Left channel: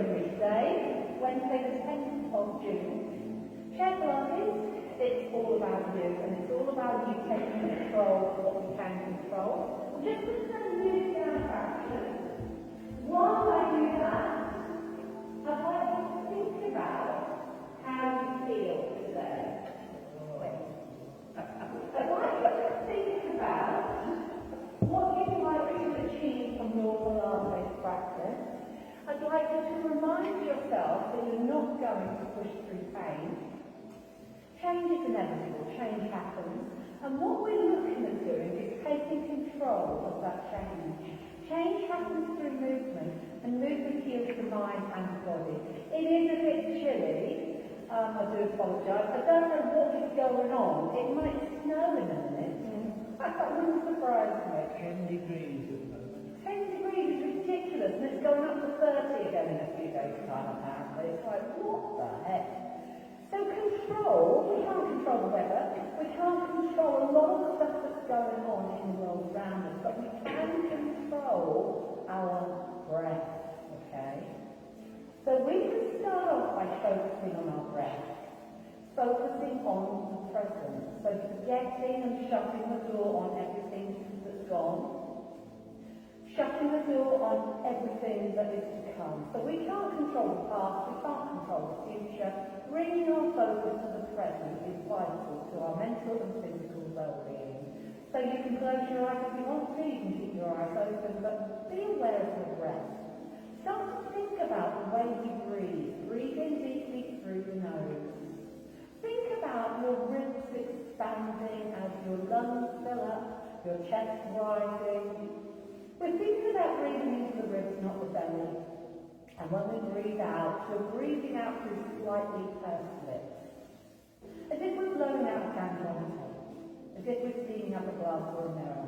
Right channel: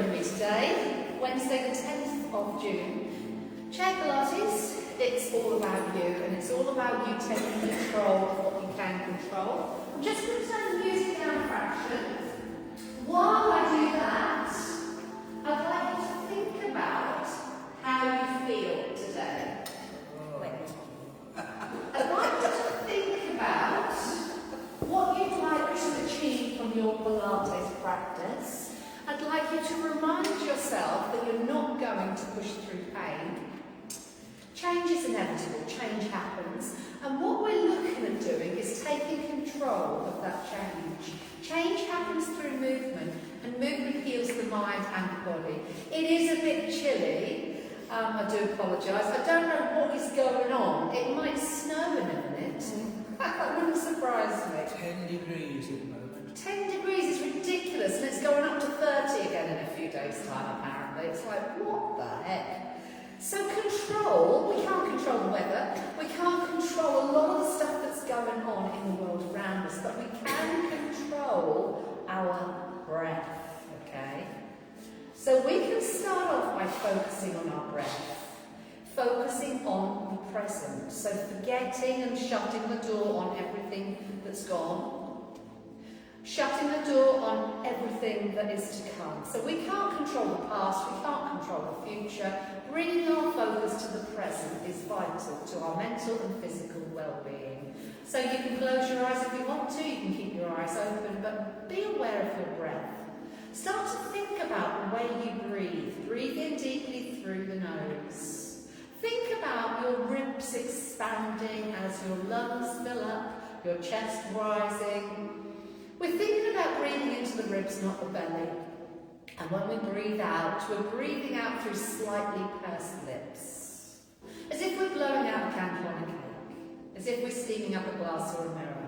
joining me today, Wednesday the 10th of June. Chair Pilates, it's all about you, and it's all about you taking control of what you can control. I'm just going to turn the music down a fraction. While I do that, I'd like you to think about how you feel today. I'd like you to think about what you'd like to achieve from your Pilates practice. I'd like you to remind yourself that you're not going to push through pain. Change is inevitable, change happens, and what we're looking at doing is taking control of that change. Change happens through movement, and movement heals the mind and the body. It is a bit chilly. I do apologise. I don't know what is going on. It might snow in a minute. That wouldn't surprise me. 10 degrees at the moment. 10 degrees is ridiculous, and it's going up to 30 again in a few days' time, apparently. It's like, what the heck? So control, we can't control the weather. We can't control a lot of the stuff that's going on in the world around us, but we can control our breath, okay? So we can start off by focusing on our breath, focusing on the present. So forgetting and shutting the door on everything that's gone, shutting the door on everything that is to come. So we can't control the past, we can't control the future. Bringing our focus to the present is vital to our mental and physical well-being. So you can close your eyes if you want to, you can keep your eyes open, but be aware of your breath. Start to think about the way you breathe. Breathe in deeply through the nose. Think about your ribs expanding as your lungs fill up, your chest rising. We're thinking about breathing into the ribs, not the belly. And when we breathe out, we're breathing out through slightly pursed lips. As if we're blowing out a candle on a cake. As if we're steaming up a glass or a mirror.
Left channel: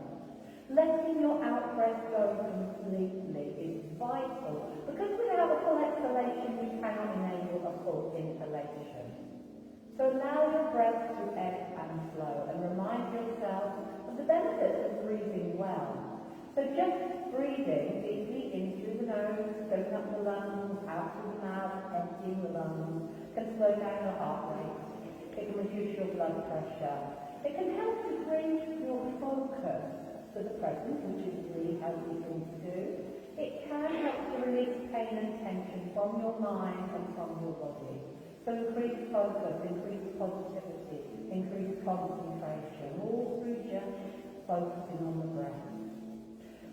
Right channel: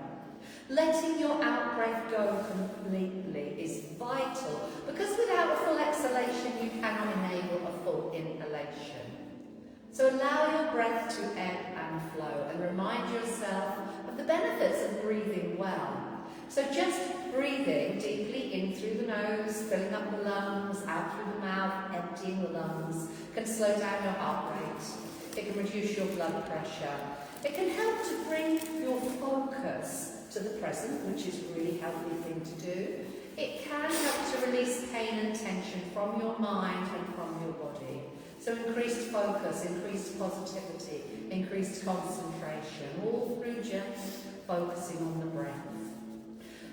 Letting your out-breath go completely is vital, because without a full exhalation, you cannot enable a full inhalation. So allow your breath to ebb and flow, and remind yourself of the benefits of breathing well. So just breathing deeply in through the nose, filling up the lungs, out through the mouth, emptying the lungs, can slow down your heart rate. It can reduce your blood pressure. It can help to bring your focus to the present, which is a really healthy thing to do. It can help to release pain and tension from your mind and from your body. So increased focus, increased positivity, increased concentration, all through just focusing on the breath.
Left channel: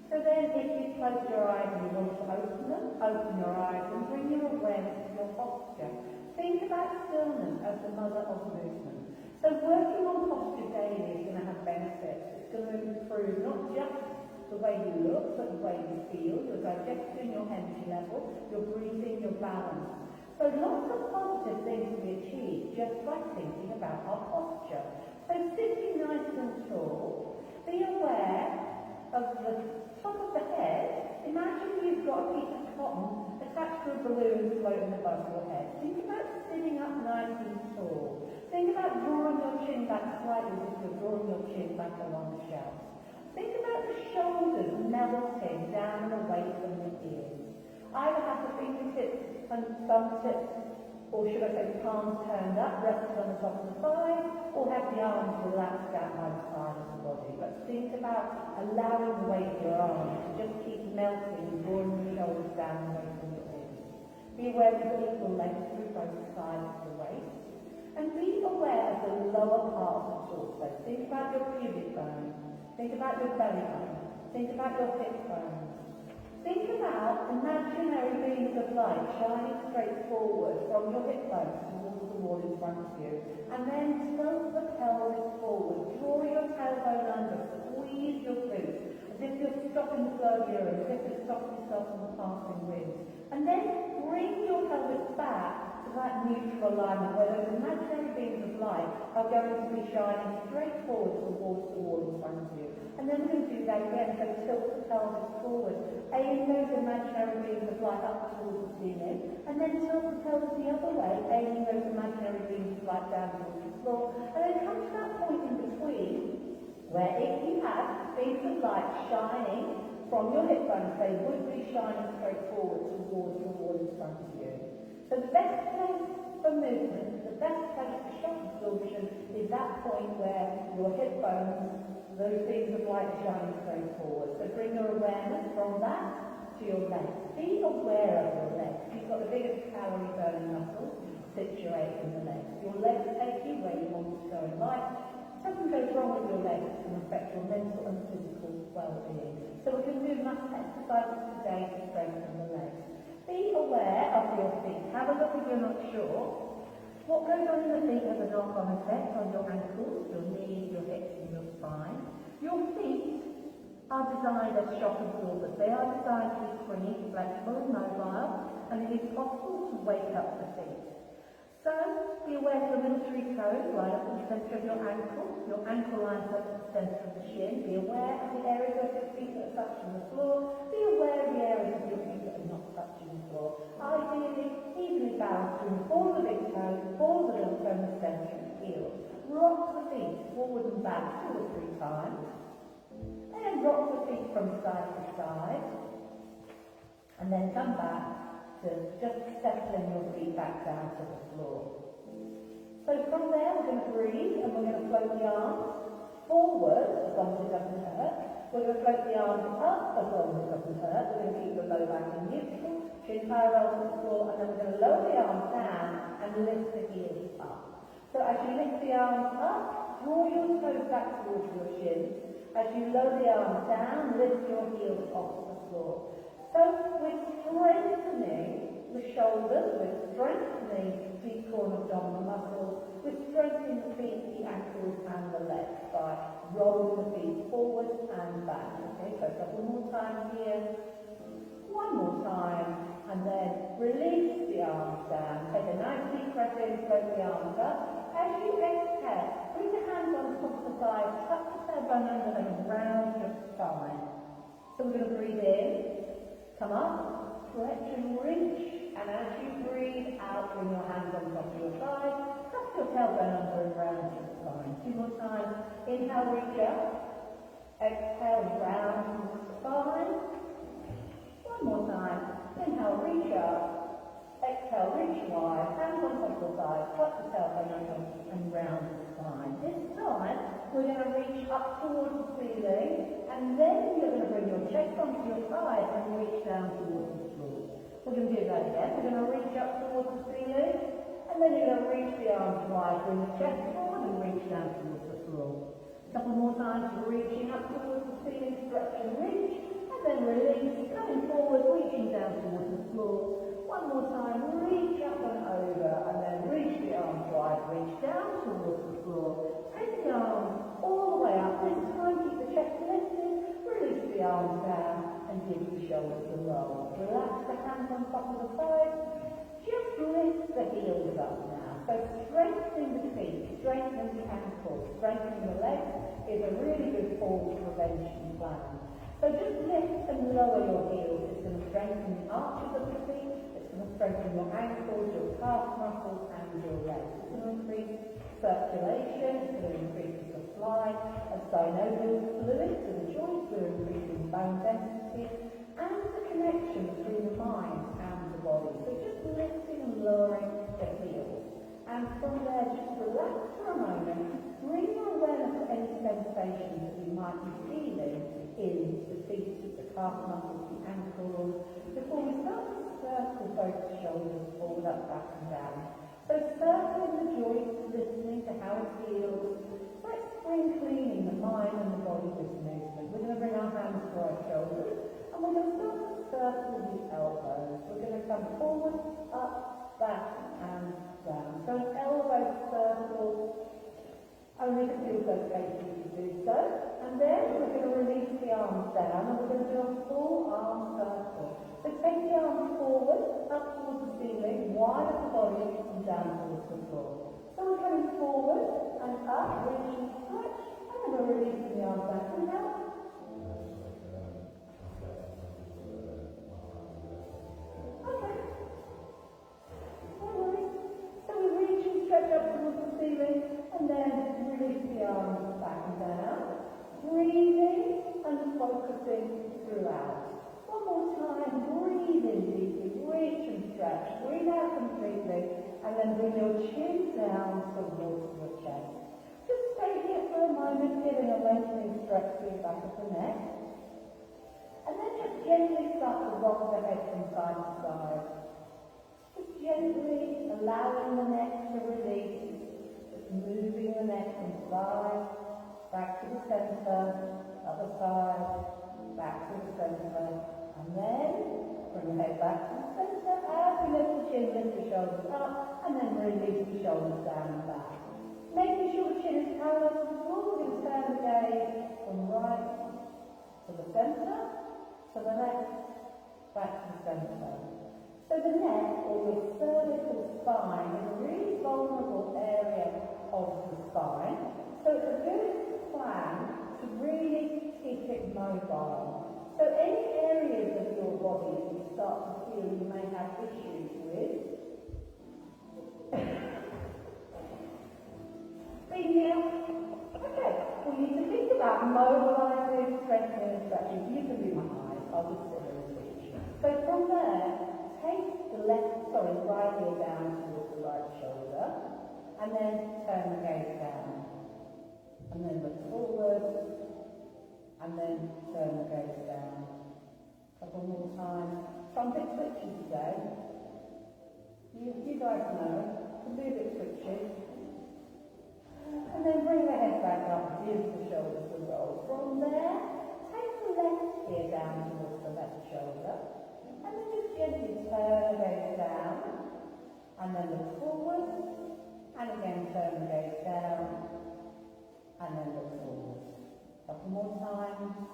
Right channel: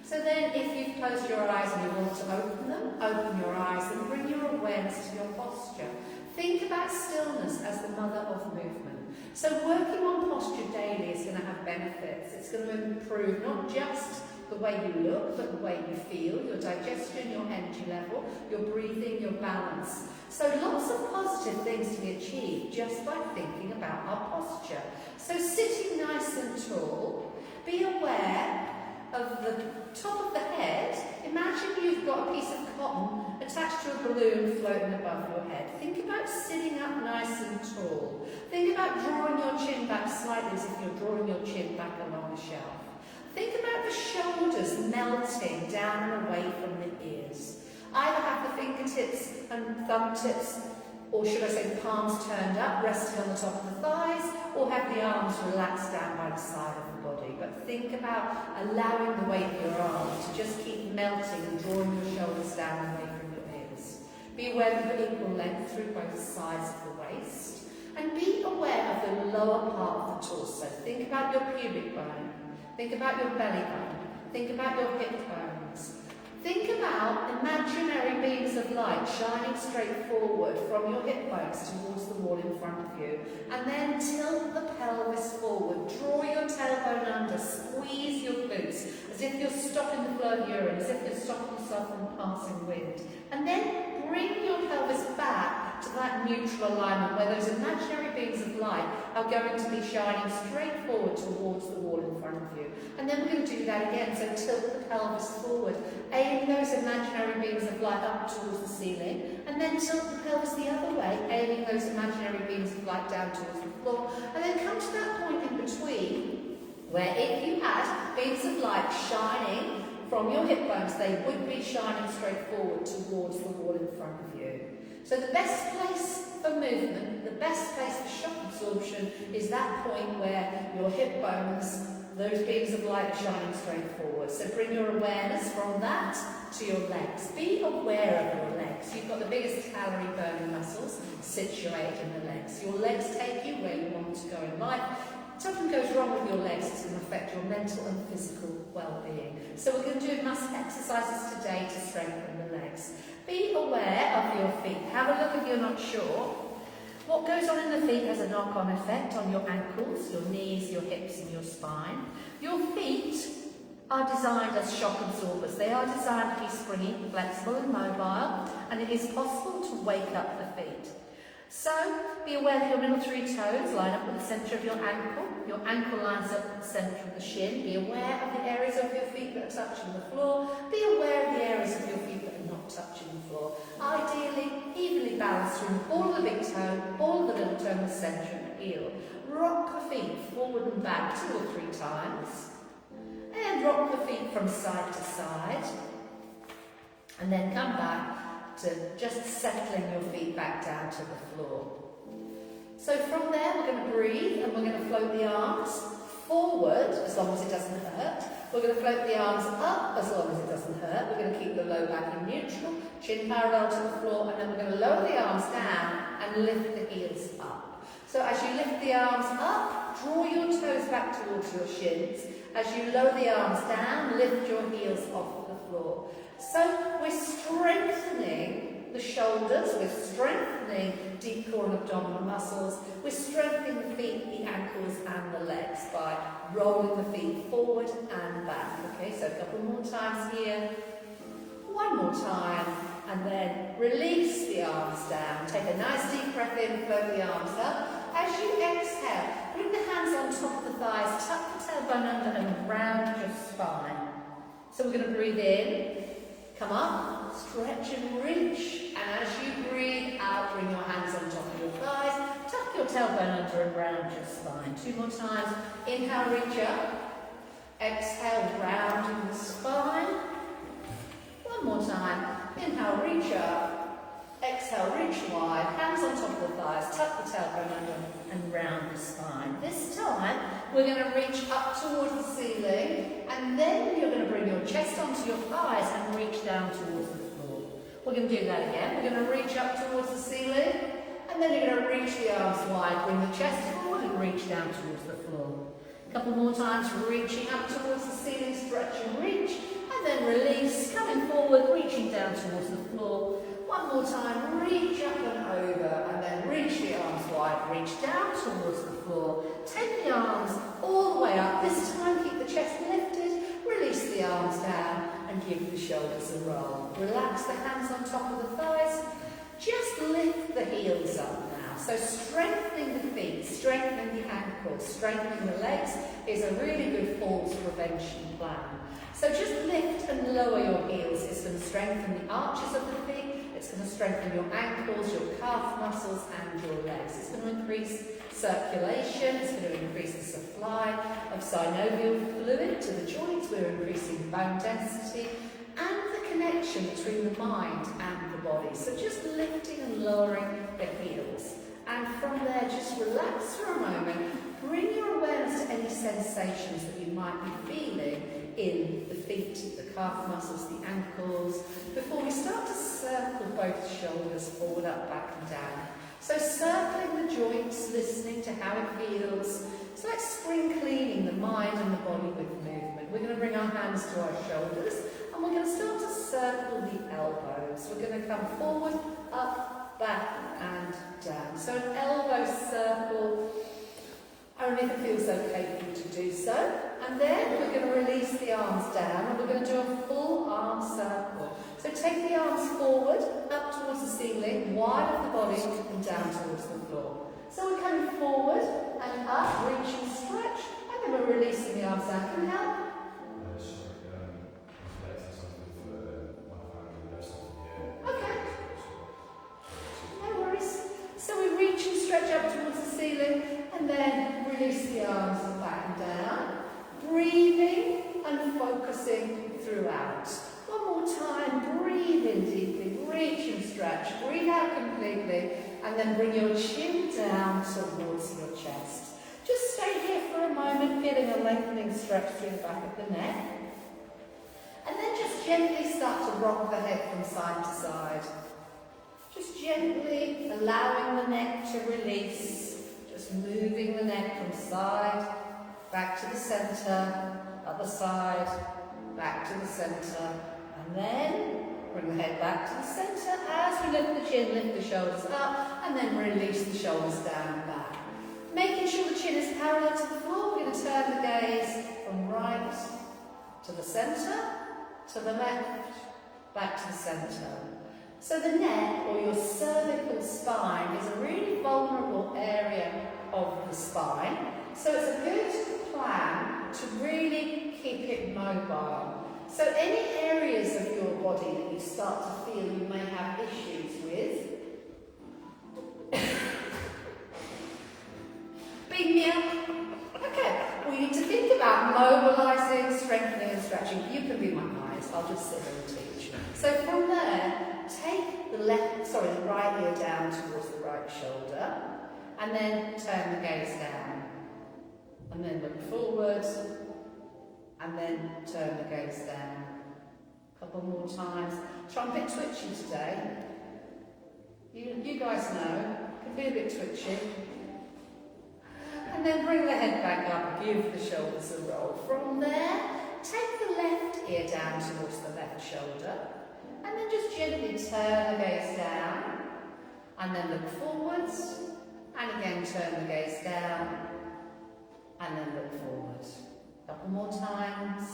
So then, if you've closed your eyes and you want to open them, open your eyes and bring your awareness to your posture. Think about stillness as the mother of movement. So working on posture daily is going to have benefits. It's going to improve not just the way you look, but the way you feel, your digestion, your energy level, your breathing, your balance. So lots of positive things to be achieved just by thinking about our posture. So sitting nice and tall, be aware of the top of the head. Imagine you've got a piece of cotton attached to a balloon floating above your head. Think about sitting up nice and tall. Think about drawing your chin back slightly as if you're drawing your chin back along the shelf. Think about the shoulders melting down and away from the ears. Either have the fingertips and thumb tips, or should I say palms turned up, resting on the top of the thighs, or have the arms relaxed down by the side of the body. But think about allowing the weight of your arms to just keep melting and drawing your shoulders down and away from your ears. Be aware of the equal length through both sides of the waist. And be aware of the lower part of the torso. Think about your pubic bone. Think about your belly button. Think about your hip bones. Think about imaginary beams of light shining straight forward from your hip bones towards the wall in front of you. And then tilt the pelvis forward. Draw your tailbone under. Squeeze your glutes as if you're stopping the flow of urine, as if you're stopping yourself from passing wind. And then bring your pelvis back to that neutral alignment where those imaginary beams of light are going to be shining straight forward towards the wall in front of you. And then we're going to do that again. So tilt the pelvis forward. Aim those imaginary beams of light up towards the ceiling. And then tilt the pelvis the other way, aiming those imaginary beams of light down towards the floor. And then come to that point in between where if you had beams of light shining from your hip bones, they would be shining straight forward towards the wall in front of you. So the best place for movement, the best place for shock absorption is that point where your hip bones, those beams of light are shining straight forward. So bring your awareness from that to your legs. Be aware of your legs. You've got the biggest calorie burning muscles situated in the legs. Your legs take you where you want to go in life. If something goes wrong with your legs, it's going to affect your mental and physical well-being. So we're going to do muscle exercises today to strengthen the legs. Be aware of your feet. Have a look if you're not sure. What goes on in the feet has a knock-on effect on your ankles, your knees, your hips and your spine. Your feet are designed as shock absorbers. They are designed to be springy, flexible and mobile, and it is possible to wake up the feet. So, be aware that your middle three toes line up with the centre of your ankle. Your ankle lines up with the centre of the shin. Be aware of the areas of your feet that are touching the floor. Be aware of the areas of your feet that are not touching the floor. Ideally, evenly balanced through the ball of the big toe, ball of the little toe, and the centre of the heel. Rock the feet forward and back 2 or 3 times. And rock the feet from side to side. And then come back to just settling your feet back down to the floor. So from there we're going to breathe and we're going to float the arms forward as long as it doesn't hurt. We're going to float the arms up as long as it doesn't hurt. We're going to keep the low back in neutral, chin parallel to the floor, and then we're going to lower the arms down and lift the heels up. So as you lift the arms up, draw your toes back towards your shins. As you lower the arms down, lift your heels off the floor. So we're strengthening the shoulders, we're strengthening deep core and abdominal muscles, we're strengthening the feet, the ankles and the legs by rolling the feet forward and back. Okay, so a couple more times here. One more time, and then release the arms down. Take a nice deep breath in, float the arms up. As you exhale, bring the hands on top of the thighs, tuck the tailbone under and round your spine. So we're going to breathe in. Come up, stretch and reach, and as you breathe out, bring your hands on top of your thighs, tuck your tailbone under and round your spine. 2 more times. Inhale, reach up. Exhale, round the spine. 1 more time. Inhale, reach up. Exhale, reach wide. Hands on top of the thighs, tuck the tailbone under and round the spine. This time, we're going to reach up towards the ceiling, and then you're going to bring your chest onto your thighs and reach down towards the floor. We're going to do that again. We're going to reach up towards the ceiling, and then you're going to reach the arms wide, bring the chest forward and reach down towards the floor. A couple more times, reaching up towards the ceiling, stretch and reach, and then release, coming forward, reaching down towards the floor. 1 more time, reach up and over, and then reach the arms wide, reach down towards the floor. Take the arms all the way up. This time, keep the chest lifted, release the arms down, and give the shoulders a roll. Relax the hands on top of the thighs. Just lift the heels up now. So strengthening the feet, strengthening the ankles, strengthening the legs is a really good falls prevention plan. So just lift and lower your heels. It's going to strengthen the arches of the feet. It's going to strengthen your ankles, your calf muscles and your legs. It's going to increase circulation. It's going to increase the supply of synovial fluid to the joints. We're increasing bone density and the connection between the mind and the body. So just lifting and lowering the heels. And from there, just relax for a moment. Bring your awareness to any sensations that you might be feeling in the feet, the calf muscles, the ankles, before we start to circle both shoulders forward, up, back and down. So circling the joints, listening to how it feels. It's like spring cleaning the mind and the body with movement. We're going to bring our hands to our shoulders and we're going to start to circle the elbows. We're going to come forward, up, back and down. So an elbow circle, only if it feels okay for you to do so. And then we're going to release the arms down and we're going to do a full arm circle. So take the arms forward, up towards the ceiling, wide of the body and down towards the floor. So we're coming forward and up, reach and stretch, and then we're releasing the arms down. Can you help? Okay. No worries. So we reach and stretch up towards the ceiling and then release the arms back and down. Breathing and focusing throughout. One more time, breathe in deeply, reach and stretch, breathe out completely, and then bring your chin down towards your chest. Just stay here for a moment, feeling a lengthening stretch through the back of the neck. And then just gently start to rock the head from side to side. Just gently allowing the neck to release, just moving the neck from side, back to the centre, other side, back to the centre, and then bring the head back to the centre as we lift the chin, lift the shoulders up, and then release the shoulders down and back. Making sure the chin is parallel to the floor, we're going to turn the gaze from right to the centre, to the left, back to the centre. So the neck, or your cervical spine, is a really vulnerable area of the spine. So it's a good plan to really keep it mobile. So any areas of your body that you start to feel you may have issues with, beam me up. Okay, we need to think about mobilising, strengthening and stretching. You can be my eyes, I'll just sit and teach. So from there, take the right ear down towards the right shoulder, and then turn the gaze down. And then look forward, and then turn the gaze down. A couple more times. So I'm a bit twitchy today. You guys know, it can be a bit twitchy. And then bring the head back up, give the shoulders a roll. From there, take the left ear down towards the left shoulder, and then just gently turn the gaze down, and then look forwards, and again turn the gaze down, and then look forward. A couple more times.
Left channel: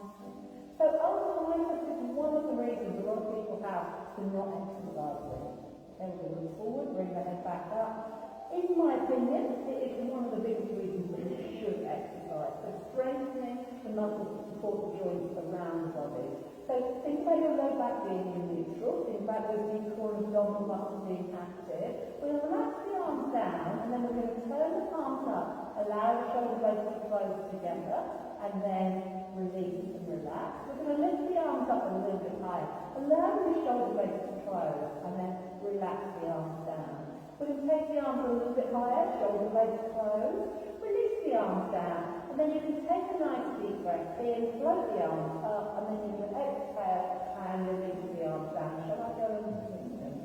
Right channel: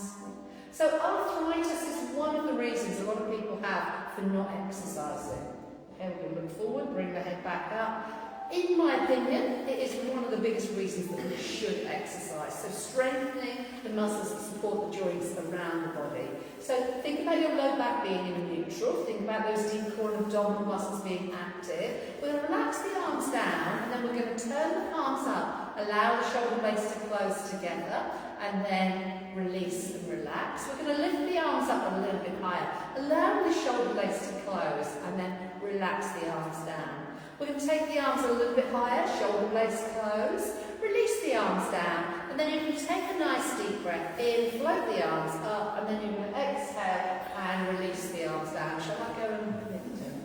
So arthritis is one of the reasons a lot of people have for not exercising. Okay, we're going to look forward, bring the head back up. In my opinion, it is one of the biggest reasons that we should exercise. So strengthening the muscles that support the joints around the body. So think about your low back being in neutral. Think about those deep core and abdominal muscles being active. We're going to relax the arms down, and then we're going to turn the palms up. Allow the shoulder blades to close together, and then release and relax. We're going to lift the arms up a little bit higher. Allow the shoulder blades to close, and then relax the arms down. We're going to take the arms a little bit higher, shoulder blades close, release the arms down, and then you can take a nice deep breath in, float the arms up, and then you're going to exhale and release the arms down. Shall I go and lift them?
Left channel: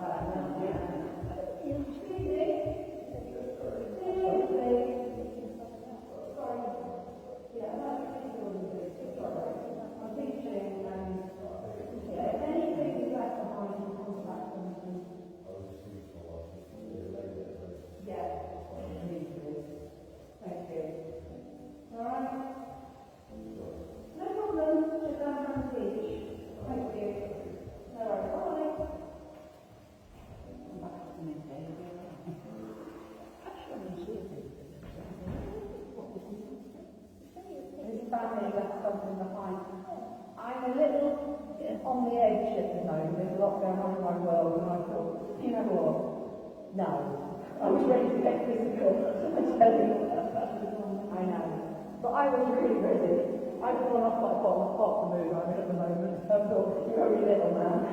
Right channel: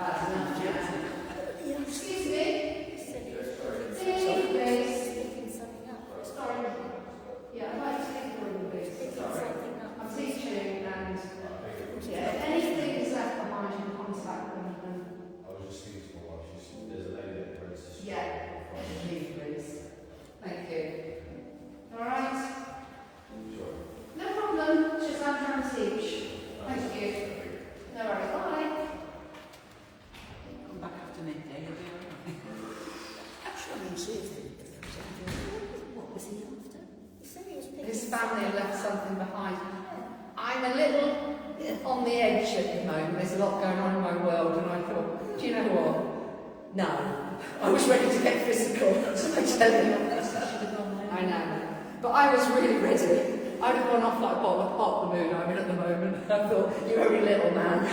That's enough, Jen. Excuse me. Please. Sorry. Yeah, I'd like to take the room, please. Sorry. I'm teaching, and yeah, anything is left behind, you can contact them. Yeah, please. Thank you. All right. Sure. No problem. Just I'm trying to teach. Thank you. No worries. Bye. Come back after midday. What was he after? He said he was picking His family left something behind. I'm a little on the edge at the moment. There's a lot going on in my world, and I thought, do you know what? No. I was ready to get physical, I tell you. I know. But I was really ready. I'd have gone off like Bob the Moon I'm in at the moment. I thought, you very little man.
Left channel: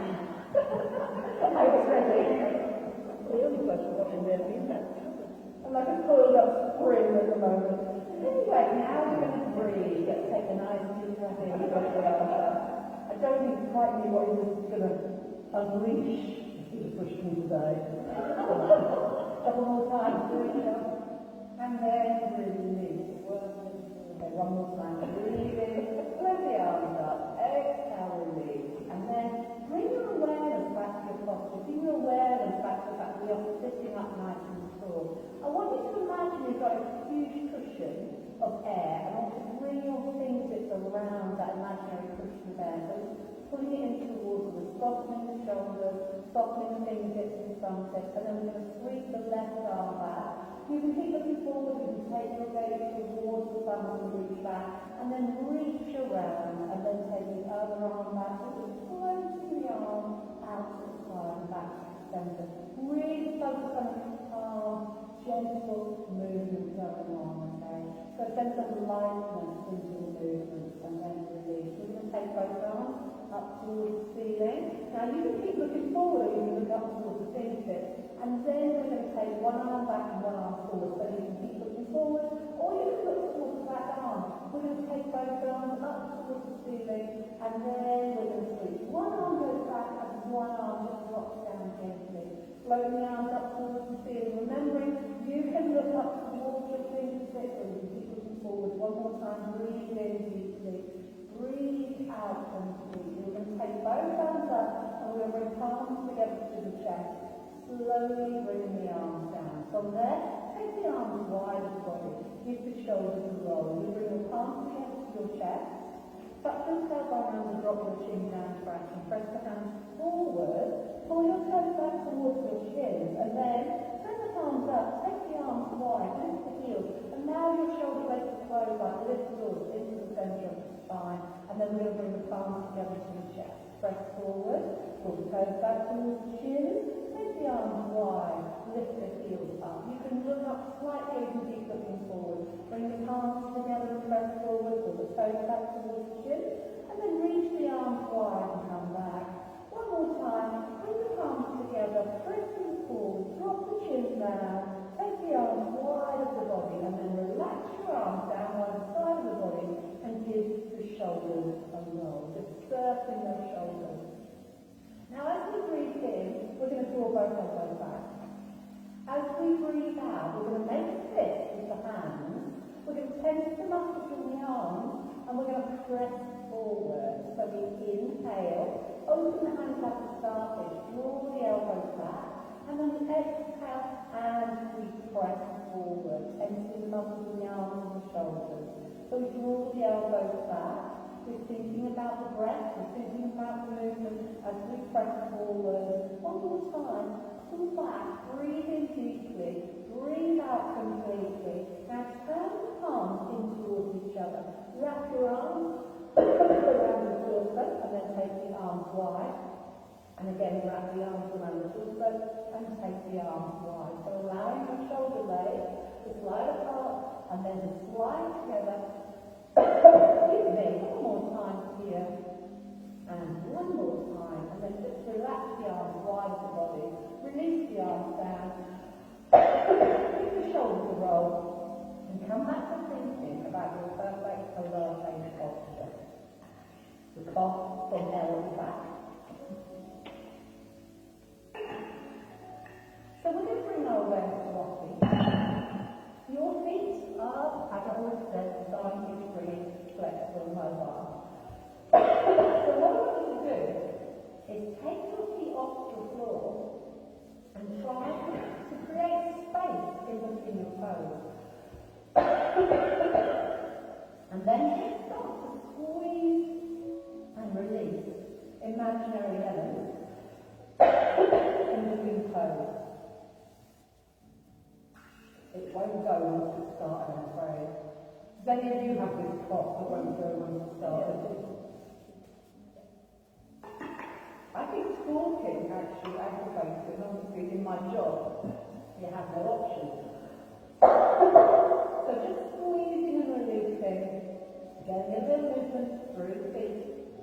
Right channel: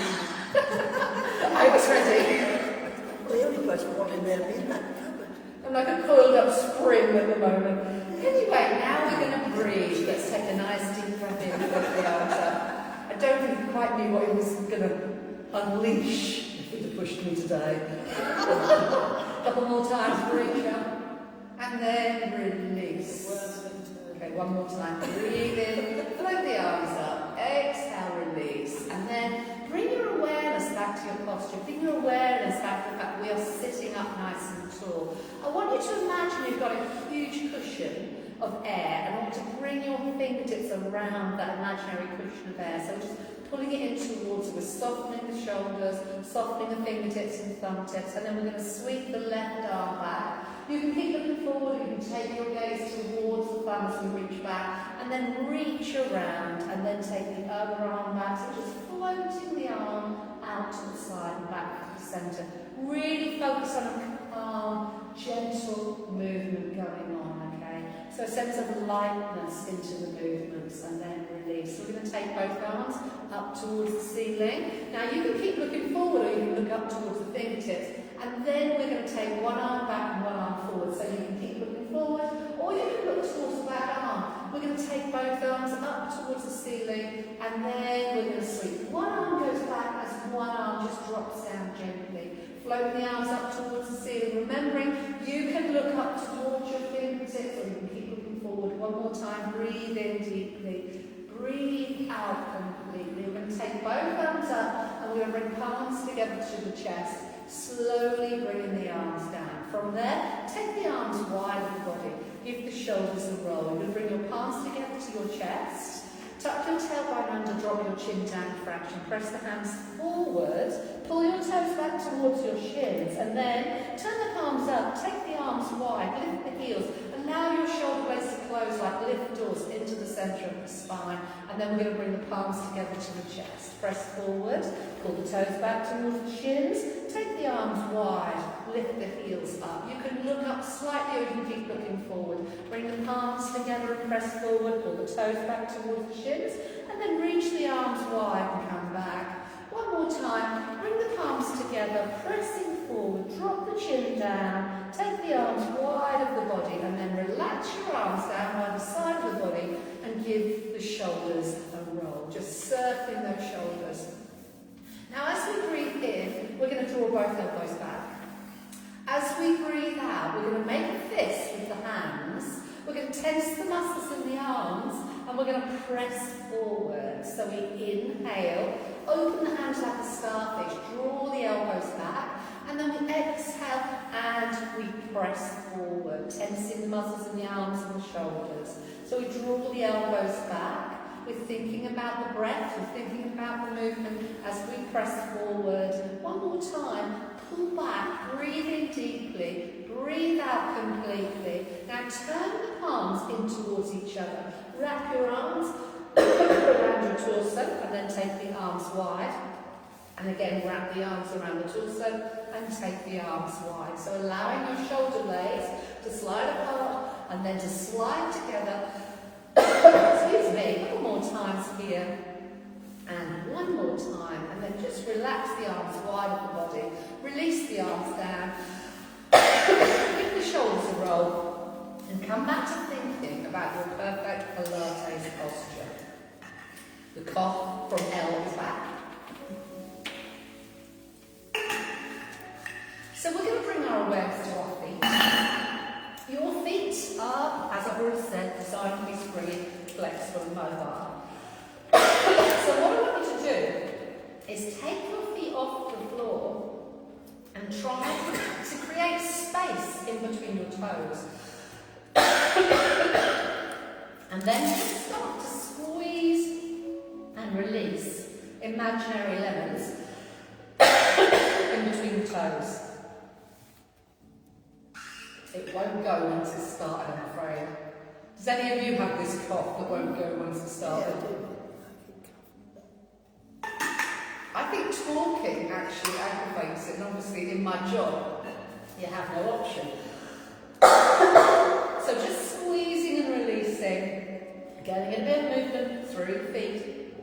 I was ready. Well, the only person wanting there to be in that cupboard. I'm like a coiled up spring at the moment. Anyway, now we're going to breathe. Let's take a nice deep breath in with the arms up. I don't think he quite knew what he was going to unleash if he'd have pushed me today. Couple more times, breathe up, and then release. Okay, one more time. Breathe in, float the arms up, exhale, release, and then bring your awareness back to your posture. Bring your awareness back to the fact that we are sitting up nice and tall. I want you to imagine you've got a huge cushion of air, and I want to bring your fingertips around that imaginary cushion of air. So just pulling it in towards you. We're softening the shoulders, softening the fingertips and thumb tips, and then we're going to sweep the left arm back. You can keep looking forward, you can take your gaze towards the thumb as we reach back, and then reach around, and then take the other arm back. So just floating the arm out to the side and back to the centre. Really focus on a calm, gentle movement going on, okay? So a sense of lightness into the movements, and then release. both arms up towards the ceiling. Now you can keep looking forward or you can look up towards the fingertips. And then we're going to take one arm back and one arm forward. So you can keep looking forward or you can look towards the back arm. We're going to take both arms up towards the ceiling and then we're going to sweep. One arm goes back as one arm just drops down gently. Float the arms up towards the ceiling. Remembering you can look up towards your fingertips or you can keep looking forward. One more time. Breathe in deeply. Breathe out completely. We're going to take both arms up and we're going to bring palms together to the chest. Slowly bringing the arms down. From there, take the arms wide of the body. Give the shoulders a roll. You're going to bring your palms together to your chest. Tuck your tailbone under, drop your chin down for action. Press the hands forward. Pull your toes back towards your shins. And then turn the palms up. Take the arms wide. Lift the heels. Allow your shoulder blades to close like lift doors into the centre of the spine. And then we're going to bring the palms together to the chest. Press forward. Pull the toes back towards the shins. Take the arms wide. Lift the heels up. You can look up slightly or you can keep looking forward. Bring the palms together and press forward. Pull the toes back towards the shins. And then reach the arms wide and come back. One more time. Bring the palms together. Pressing forward. Drop the chin down. Take the arms wide of the body and then relax your arms down by the side of the body and give the shoulders a roll. Just surfing those shoulders. Now as we breathe in, we're going to draw both elbows back. As we breathe out, we're going to make a fist with the hands. We're going to tense the muscles in the arms and we're going to press forward. So we inhale, open the hands like a starfish, draw the elbows back, and then we exhale and we press forward, tensing the muscles in the arms and the shoulders. So we draw the elbows back. We're thinking about the breath, we're thinking about the movement as we press forward. One more time, pull back, breathe in deeply, breathe out completely. Now turn the palms in towards each other. Wrap your arms around your torso and then take the arms wide. And again, wrap the arms around the torso and take the arms wide. So allowing your shoulder blades to slide apart and then to slide together. Excuse me, one more time here. And one more time. And then just relax the arms wide of the body. Release the arms down. Give the shoulders a roll. And come back to thinking about your perfect Pilates posture. The cough from L is back. So we're going to bring our awareness to our feet. Your feet are, as I've already said, designed to be springy, flexible and mobile. So what I want you to do is take your feet off the floor and try to create space in between your toes. And then just start to squeeze and release imaginary lemons in between the toes. It won't go once it's started, I'm afraid. Does any of you have this cough that won't go once it's started? I think talking actually aggravates it, and obviously in my job, you have no option. So just squeezing and releasing, getting a bit of movement through the feet.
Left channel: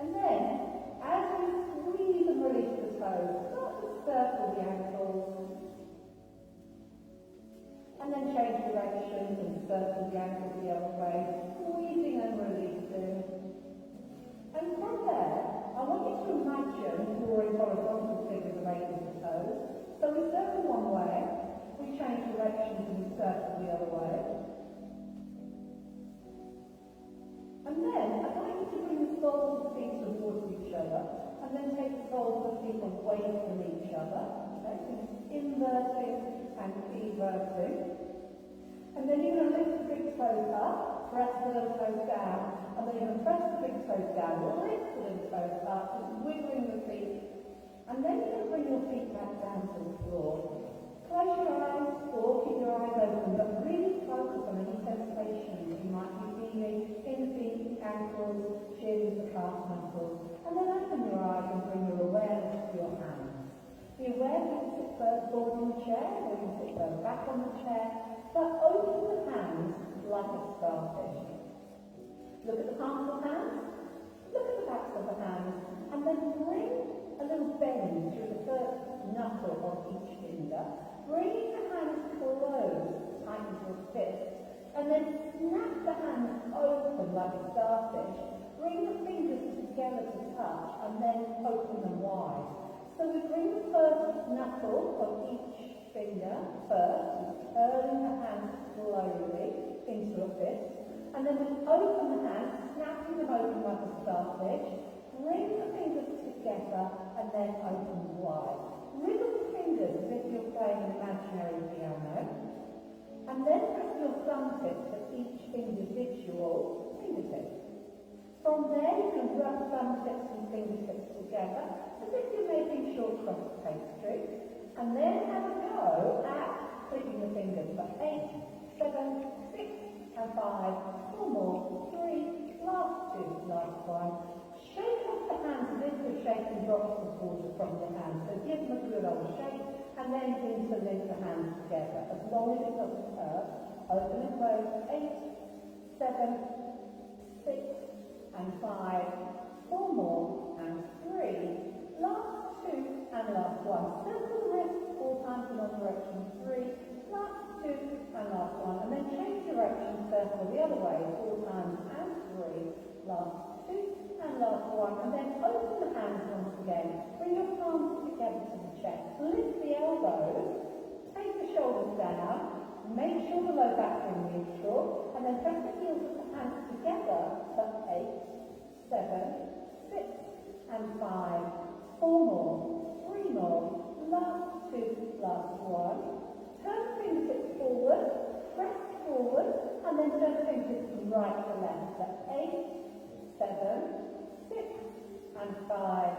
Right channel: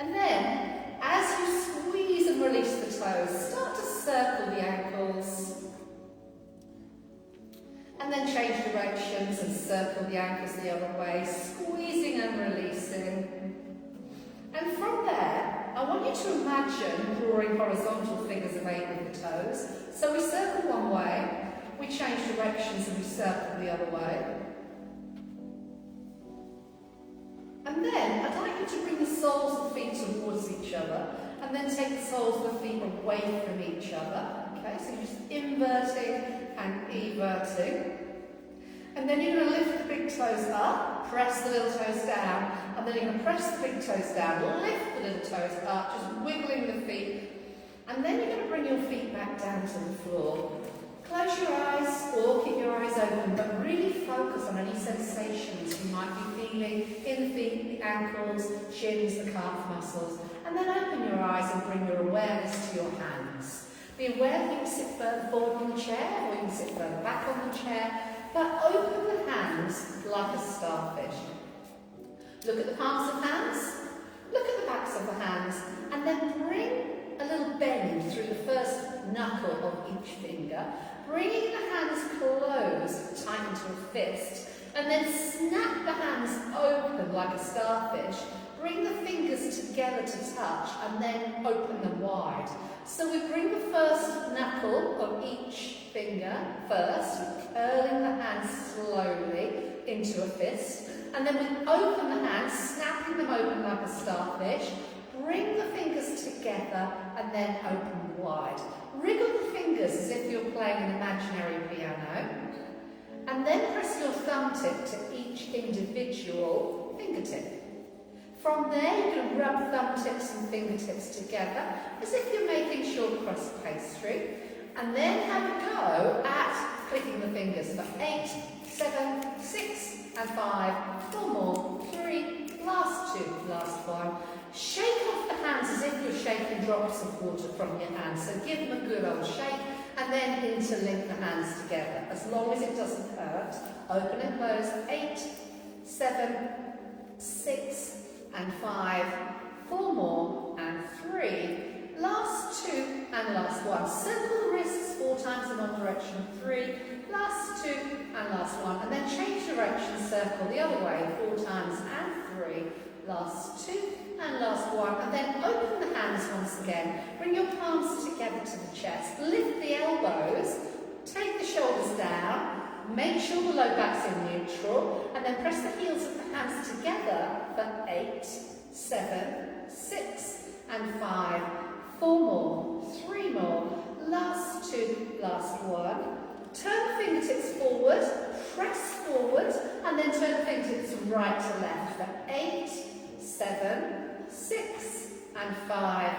And then, as you squeeze and release the toes, start to circle the ankles. And then change directions and circle the ankles the other way, squeezing and releasing. And from there, I want you to imagine drawing horizontal figures of 8 with the toes. So we circle one way, we change directions and we circle the other way. And then I'd like you to bring the soles of the feet towards each other and then take the soles of the feet away from each other. Okay, so you're just inverting and everting. And then you're going to lift the big toes up, press the little toes down, and then you're going to press the big toes down, lift the little toes up, just wiggling the feet. And then you're going to bring your feet back down to the floor. Close your eyes or keep your eyes open, but really focus on any sensations you might be feeling in the feet, the ankles, shins, the calf muscles. And then open your eyes and bring your awareness to your hands. Be aware that you can sit further forward on the chair or you can sit further back on the chair, but open the hands like a starfish. Look at the palms of hands, of the hands, and then bring a little bend through the first knuckle of each finger, bringing the hands close, tight into a fist, and then snap the hands open like a starfish. Bring the fingers together to touch, and then open them wide. So we bring the first knuckle of each finger first, curling the hands slowly into a fist, and then we open the hands, snapping them open like a starfish. Bring the fingers together and then open wide. Wriggle the fingers as if you're playing an imaginary piano, and then press your thumb tip to each individual fingertip. From there, you can rub thumb tips and fingertips together as if you're making short crust pastry, and then have a go at clicking the fingers for 8, 7, 6, and 5, 4 more, 3, last 2, last 1. Shake off the hands as if you're shaking drops of water from your hands. So give them a good old shake, and then interlink the hands together. As long as it doesn't hurt, open and close. 8, 7, 6, and 5, 4 more, and 3, last 2, and last 1. Circle the wrists 4 times in one direction, 3, last 2, and last 1. And then change direction, circle the other way 4 times, and 3, last 2, and last 1. And then open the hands once again. Bring your palms together to the chest. Lift the elbows, take the shoulders down. Make sure the low back's in neutral, and then press the heels of the hands together for 8, 7, 6, and 5, 4 more, 3 more, last 2, last 1. Turn the fingertips forward, press forward, and then turn the fingertips from right to left for 8, 7, 6, and 5,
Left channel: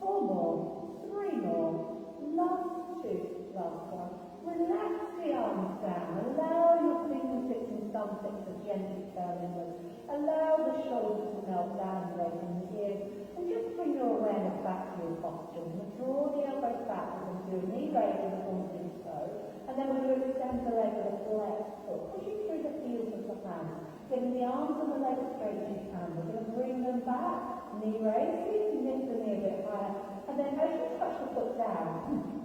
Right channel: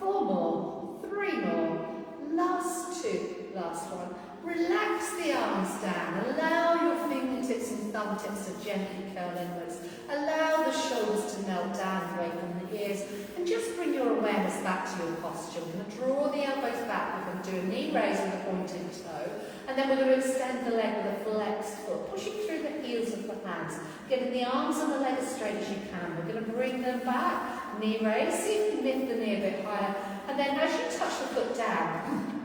4 more, 3 more, last 2, last 1. Relax the arms down. Allow your fingertips and thumb tips to gently curl inwards. Allow the shoulders to melt down away from the ears. And just bring your awareness back to your posture. We're going to draw the elbows back. We're going to do a knee raise with a pointed toe. And then we're going to extend the leg with a flexed foot, pushing through the heels of the hands. Getting the arms and the leg as straight as you can. We're going to bring them back. Knee raise. See if you can lift the knee a bit higher. And then as you touch the foot down,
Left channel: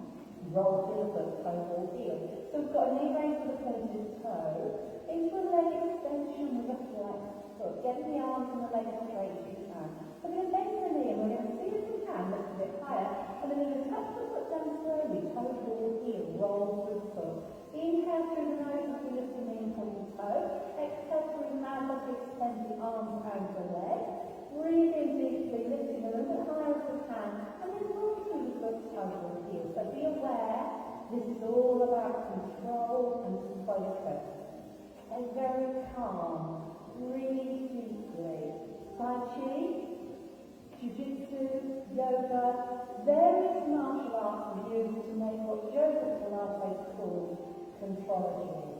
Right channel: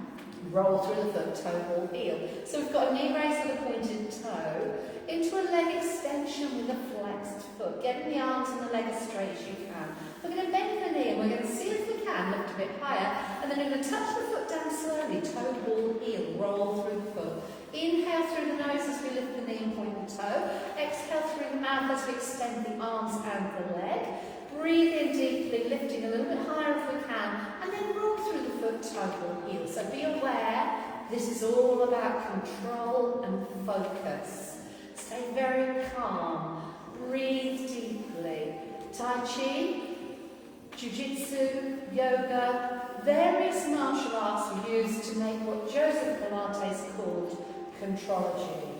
roll through the foot, toe, ball, heel. So we've got a knee raise with a pointed toe, into a leg extension with a flexed foot, getting the arms and the leg as straight as you can. We're going to bend the knee and we're going to see if we can lift a bit higher, and then we're going to touch the foot down slowly, toe, ball, heel, roll through the foot. Inhale through the nose as we lift the knee and point the toe. Exhale through the mouth as we extend the arms and the leg. Breathe in deeply, lifting a little bit higher if we can, and then roll through the foot, toe, ball, heel. So be aware, this is all about control and focus. Stay very calm. Breathe deeply. Tai Chi, Jiu-Jitsu, yoga, various martial arts are used to make what Joseph Pilates called contrology.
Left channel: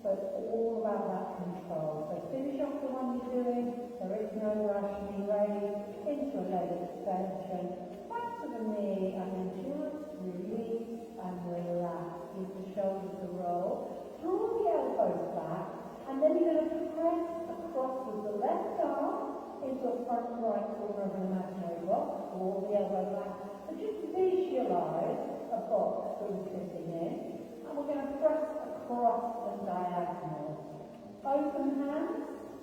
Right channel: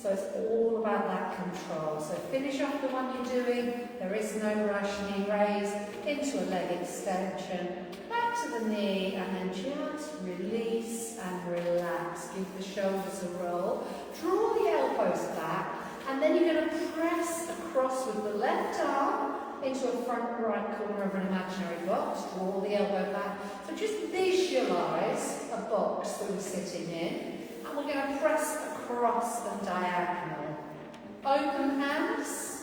So it's all about that control. So finish off the one you're doing. There is no rush. Knee raise into a leg extension. Back to the knee, and then just release and relax. Give the shoulders a roll. Draw the elbows back, and then you're going to press across with the left arm into a front right corner of an imaginary box. Draw the elbow back. So just visualise a box that we're sitting in. And we're going to press across and diagonal. Open hands,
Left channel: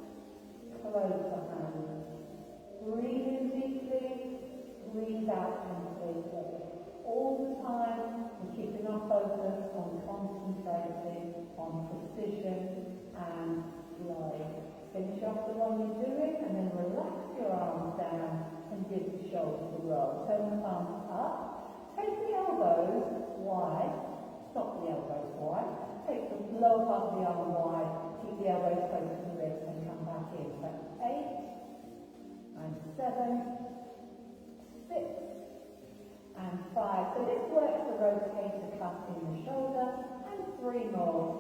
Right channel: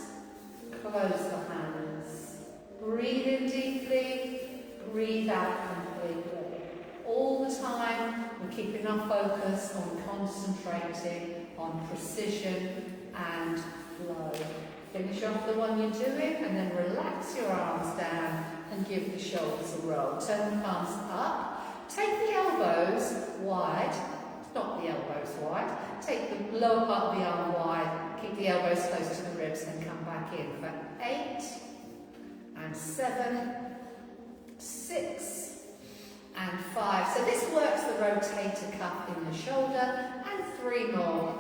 close the hands. Breathe in deeply, breathe out completely. All the time, we're keeping our focus on concentrating on precision and flow. Finish off the one you're doing, and then relax your arms down and give the shoulders a roll. Turn the palms up. Take the elbows wide. Not the elbows wide. Take the lower part of the arm wide. Keep the elbows close to the ribs and come back in for 8 and 7, 6 and 5. So this works the rotator cuff in the shoulder, and 3 more.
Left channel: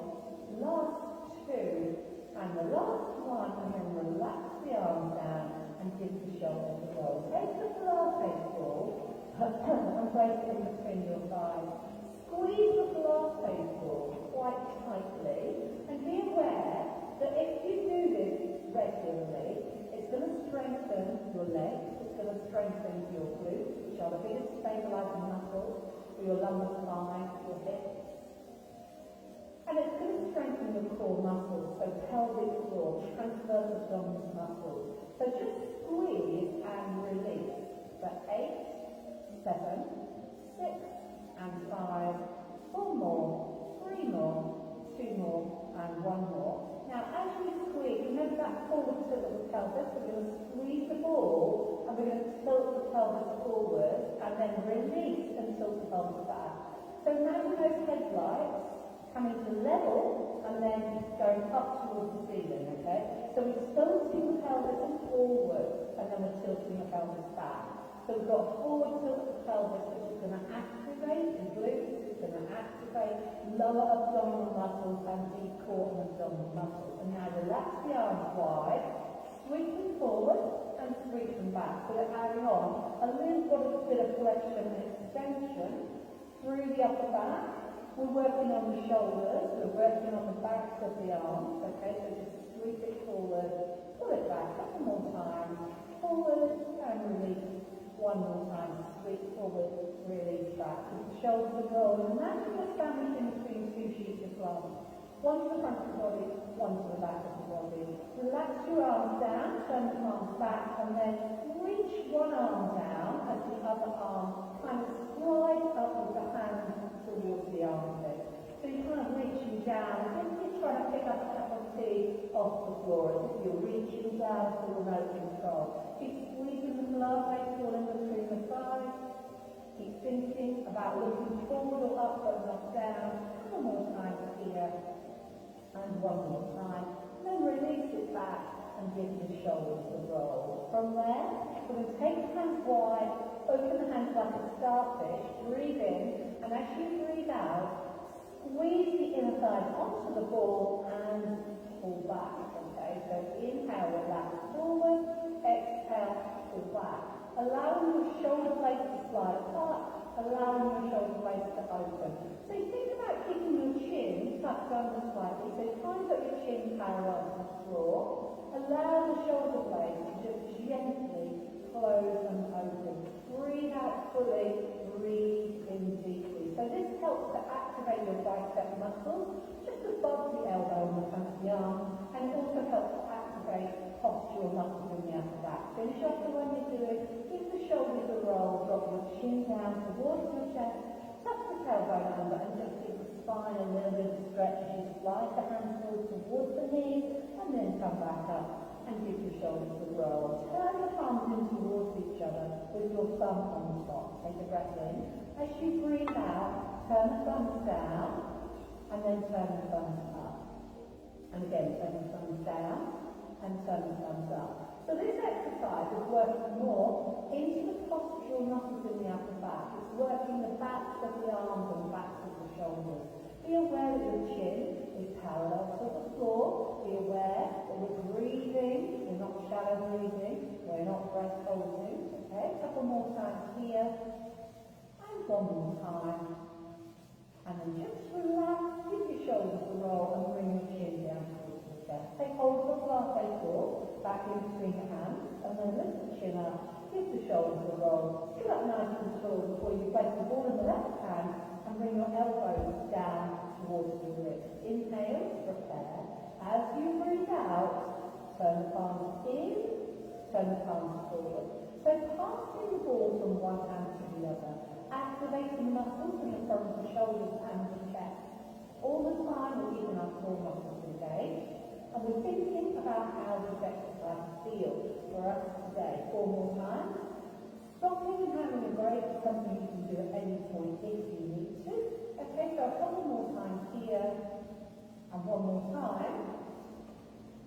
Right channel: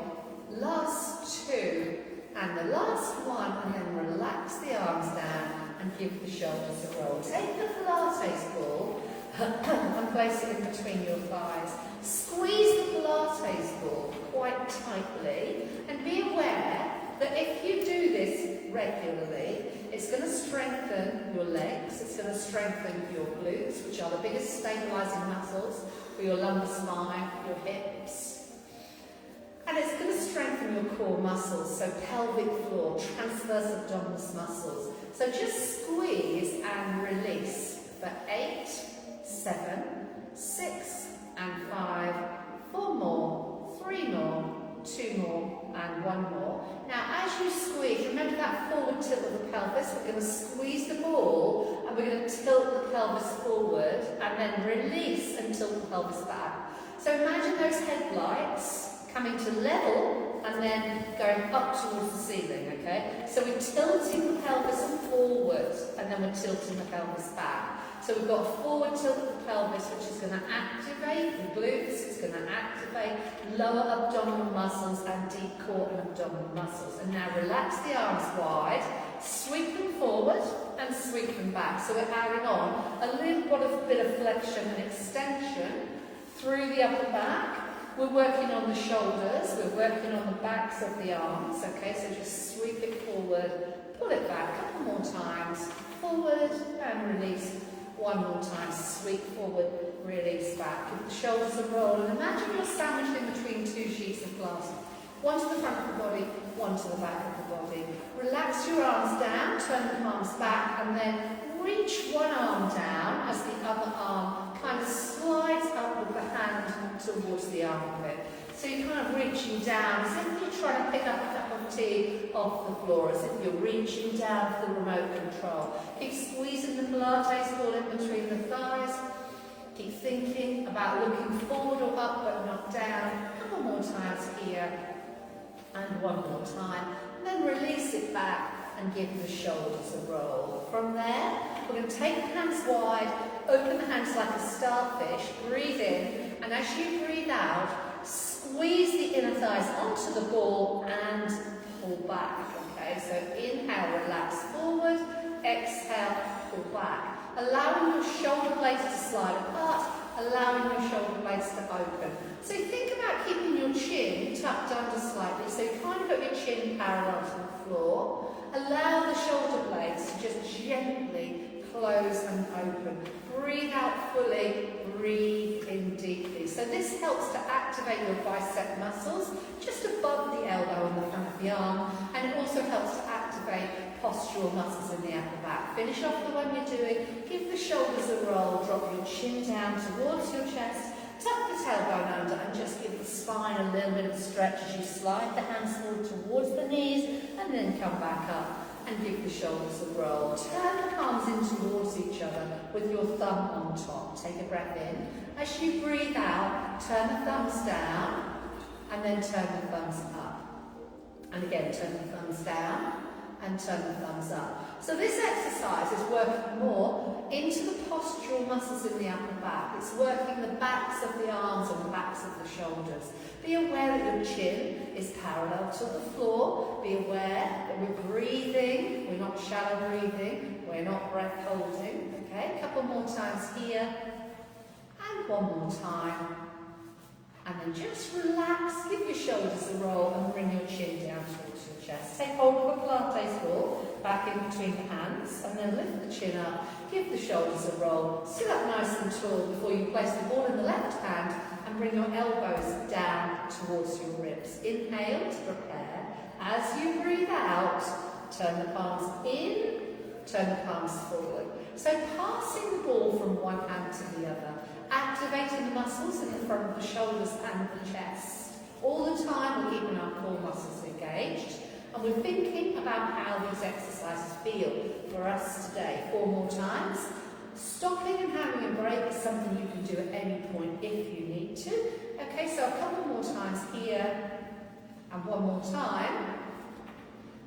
Last 2 and the last 1, and then relax the arms down and give the shoulders a roll. Take the Pilates ball and place it in between your thighs. Squeeze the Pilates ball quite tightly, and be aware that if you do this regularly, It's going to strengthen your legs, it's going to strengthen your glutes, which are the biggest stabilising muscles for your lumbar spine, your hips. And it's going to strengthen your core muscles, so pelvic floor, transverse abdominis muscles. So just squeeze and release for 8, 7, 6 and 5, 4 more, 3 more, 2 more and 1 more. Now as you squeeze, remember that forward tilt of the pelvis, we're going to squeeze the ball and we're going to tilt the pelvis forward and then release and tilt the pelvis back. So imagine those headlights coming to level and then going up towards the ceiling, okay? So we're tilting the pelvis forward and then we're tilting the pelvis back. So we've got a forward tilt of the pelvis, which is going to activate the glutes, it's going to activate lower abdominal muscles and deep core and abdominal muscles. And now relax the arms wide, sweep them forward and sweep them back. So we're adding on a little bit of flexion and extension through the upper back. We're working on the shoulders, we're working on the backs of the arms, okay? So just sweep it forward, pull it back a couple more times, forward and release. 1 more time, sweep forward, release back. Give the shoulders a roll and imagine you're sandwiched in between 2 sheets of glass. One to the front of the body, one to the back of the body. Relax your arms down, turn the palms back and then reach one arm down as the other arm kind of slides up with the hand towards the armpit. So you're kind of reaching down as if you're trying to pick up a cup of tea off the floor, as if you're reaching down for the remote control. Keep squeezing the Pilates ball in between the thighs. Keep thinking about looking forward or up but not down. A couple more times here. And 1 more time. And then release it back and give the shoulders a roll. From there, we're going to take the hands wide, open the hands like a starfish, breathe in, and as you breathe out, squeeze the inner thighs onto the ball and pull back, okay? So inhale, relax forward, exhale, pull back. Allowing your shoulder blades to slide apart, allowing your shoulder blades to open. So think about keeping your chin tucked under slightly, so you kind of got your chin parallel to the floor. Allow the shoulder blades to just gently close and open. Breathe out fully, breathe in deeply. So this helps to activate your bicep muscles just above the elbow and the front of the arm, and it also helps to activate postural muscles in the upper back. Finish off the one you're doing, give the shoulders a roll, drop your chin down towards your chest, tuck the tailbone under and just give the spine a little bit of stretch as you slide the hands forward towards the knees and then come back up and give the shoulders a roll. Turn the palms in towards each other with your thumb on top. Take a breath in. As you breathe out, turn the thumbs down and then turn the thumbs up. And again, turn the thumbs down and turn the thumbs up. So this exercise is working more into the postural muscles in the upper back. It's working the backs of the arms and the backs of the shoulders. Be aware that your chin is parallel to the floor. Be aware that we're breathing. We're not shallow breathing. We're not breath holding. Okay, a couple more times here. And 1 more time. And then just relax, give your shoulders a roll and bring your chin down towards your chest. Take hold of a Pilates ball back in between the hands and then lift the chin up, give the shoulders a roll, sit up nice and tall before you place the ball in the left hand and bring your elbows down towards your ribs. Inhale to prepare. As you breathe out, turn the palms in, turn the palms forward. So passing the ball from one hand to the other. Activating the muscles in the front of the shoulders and the chest. All the time we're keeping our core muscles engaged and we're thinking about how these exercises feel for us today. 4 more times. Stopping and having a break is something you can do at any point if you need to. Okay, so a couple more times here and 1 more time.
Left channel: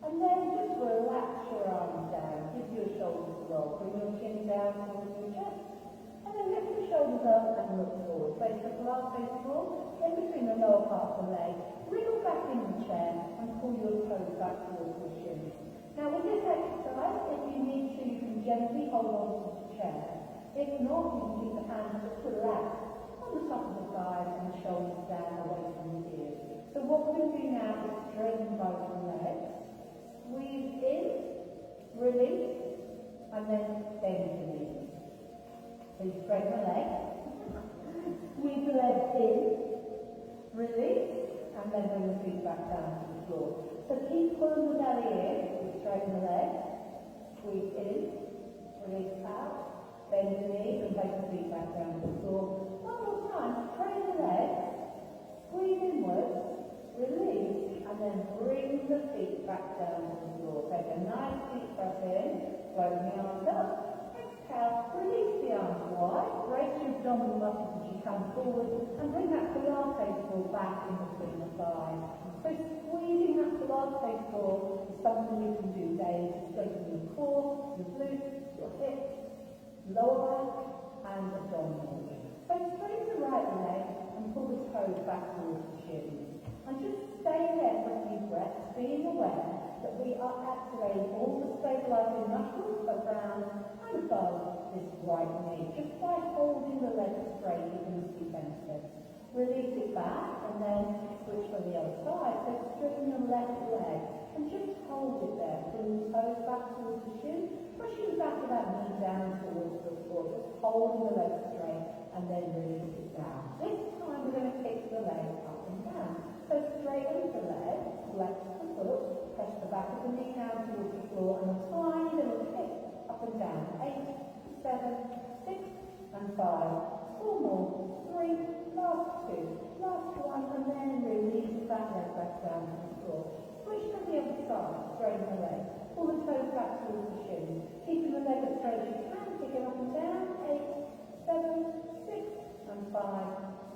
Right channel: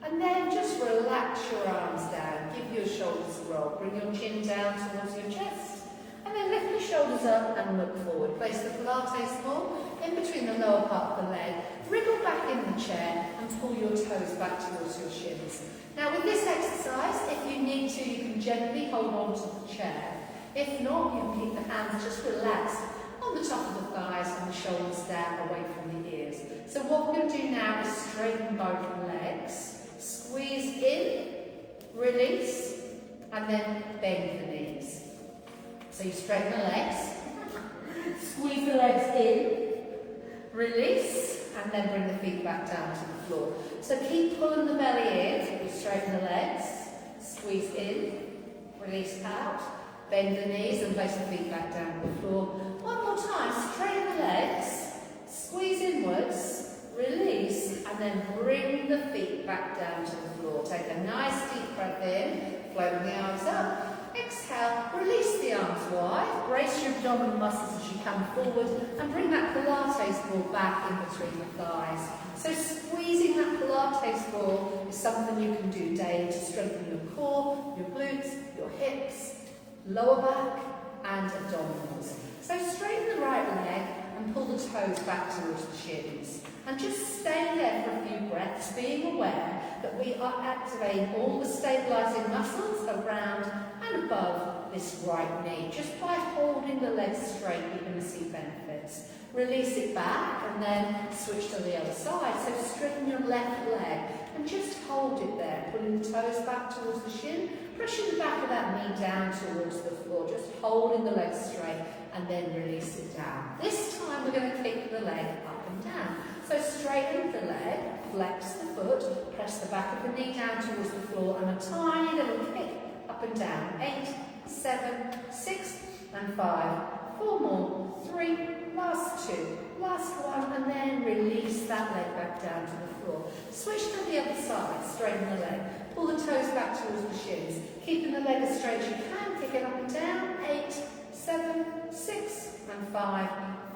And then just relax your arms down. Give your shoulders a roll. Bring your chin down towards your chest. And then lift your shoulders up and look forward. Place the Pilates ball in between the lower part of the leg. Wriggle back in the chair and pull your toes back towards your shins. Now with this exercise, if you need to, you can gently hold on to the chair. If not, you can keep the hands just relaxed on the top of the thighs and the shoulders down away from the ears. So what we're going to do now is straighten both legs. Squeeze in, release, and then bend the knees. So you straighten the legs, squeeze the legs in, release, and then bring the feet back down to the floor. So keep pulling the belly in, you straighten the legs, squeeze in, release out, bend the knees and place the feet back down to the floor. One more time, straighten the legs, squeeze inwards, release, and then bring the feet back down to the floor. Take a nice deep breath in, float the arms up. Exhale, release the arms wide, brace your abdominal muscles as you come forward and bring that Pilates ball back in between the thighs. So squeezing that Pilates ball is something you can do daily to strengthen your core, your glutes, your hips, lower back and abdominals. So straighten the right leg and pull the toes back towards the shins. And just stay there for a few breaths, being aware that we are activating all the stabilising muscles around and above this right knee. Just by holding the legs straight, you're going to see benefits. Release it back and then switch to the other side. So straighten your left leg and just hold it there, pulling the toes back towards the shin, pushing the back of that knee down towards the floor, just holding the legs straight and then release it down. This time we're going to kick the leg up and down. So straighten the leg, flex the foot, press the back of the knee down towards the floor and a tiny little kick up and down. 8, 7, 6 and 5. 4 more. 3, last 2, last 1 and then release that leg back down to the floor. Switch to the other side, straighten the leg. Pull the toes back towards the shins, keeping the leg as straight as you can, kick it up and down. 8, 7, 6 and 5.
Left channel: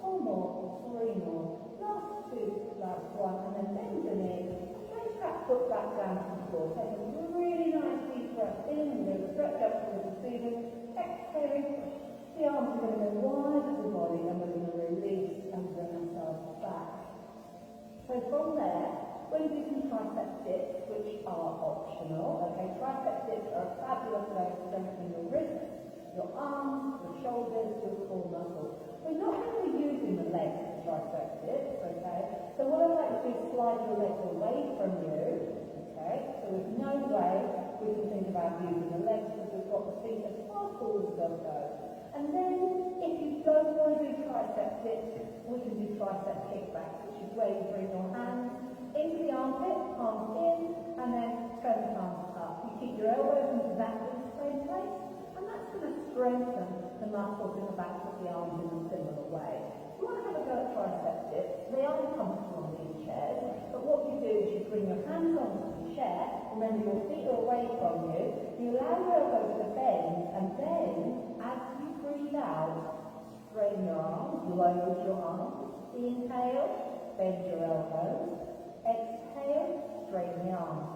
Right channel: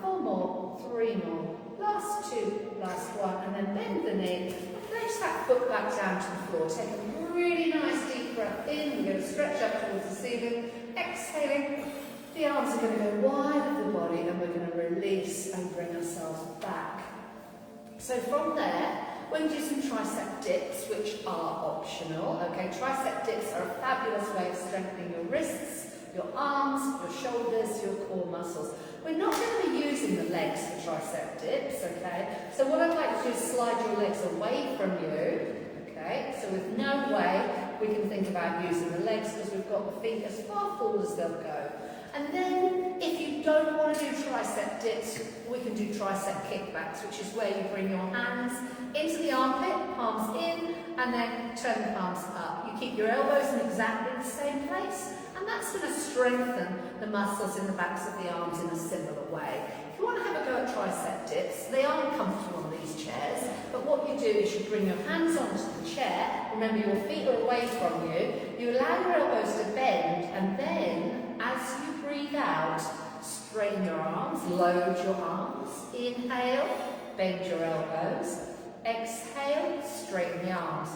4 more. 3 more. Last 2, last 1 and then bend the knee. Place that foot back down to the floor. Take a really nice deep breath in. We're going to stretch up towards the ceiling. Exhaling. The arms are going to go wide of the body and we're going to release and bring ourselves back. So from there, we're going to do some tricep dips, which are optional. Okay, tricep dips are a fabulous way of strengthening your wrists, your arms, your shoulders, your core muscles. We're not going to be using the legs for tricep dips, okay? So what I'd like to do is slide your legs away from you, okay? So with no way we can think about using the legs because we've got the feet as far forward as they'll go. And then if you don't want to do tricep dips, we can do tricep kickbacks, which is where you bring your hands into the armpit, palms in, and then turn the palms up. You keep your elbows in exactly the same place, and that's going to strengthen the muscles in the backs of the arms in a similar way. If you want to have a go at tricep dips, they aren't comfortable on these chairs, but what you do is you bring your hands onto the chair, remember your feet are away from you, you allow your elbows to bend, and then as you breathe out, straighten your arms, load your arms, inhale, bend your elbows, exhale, straighten the arms.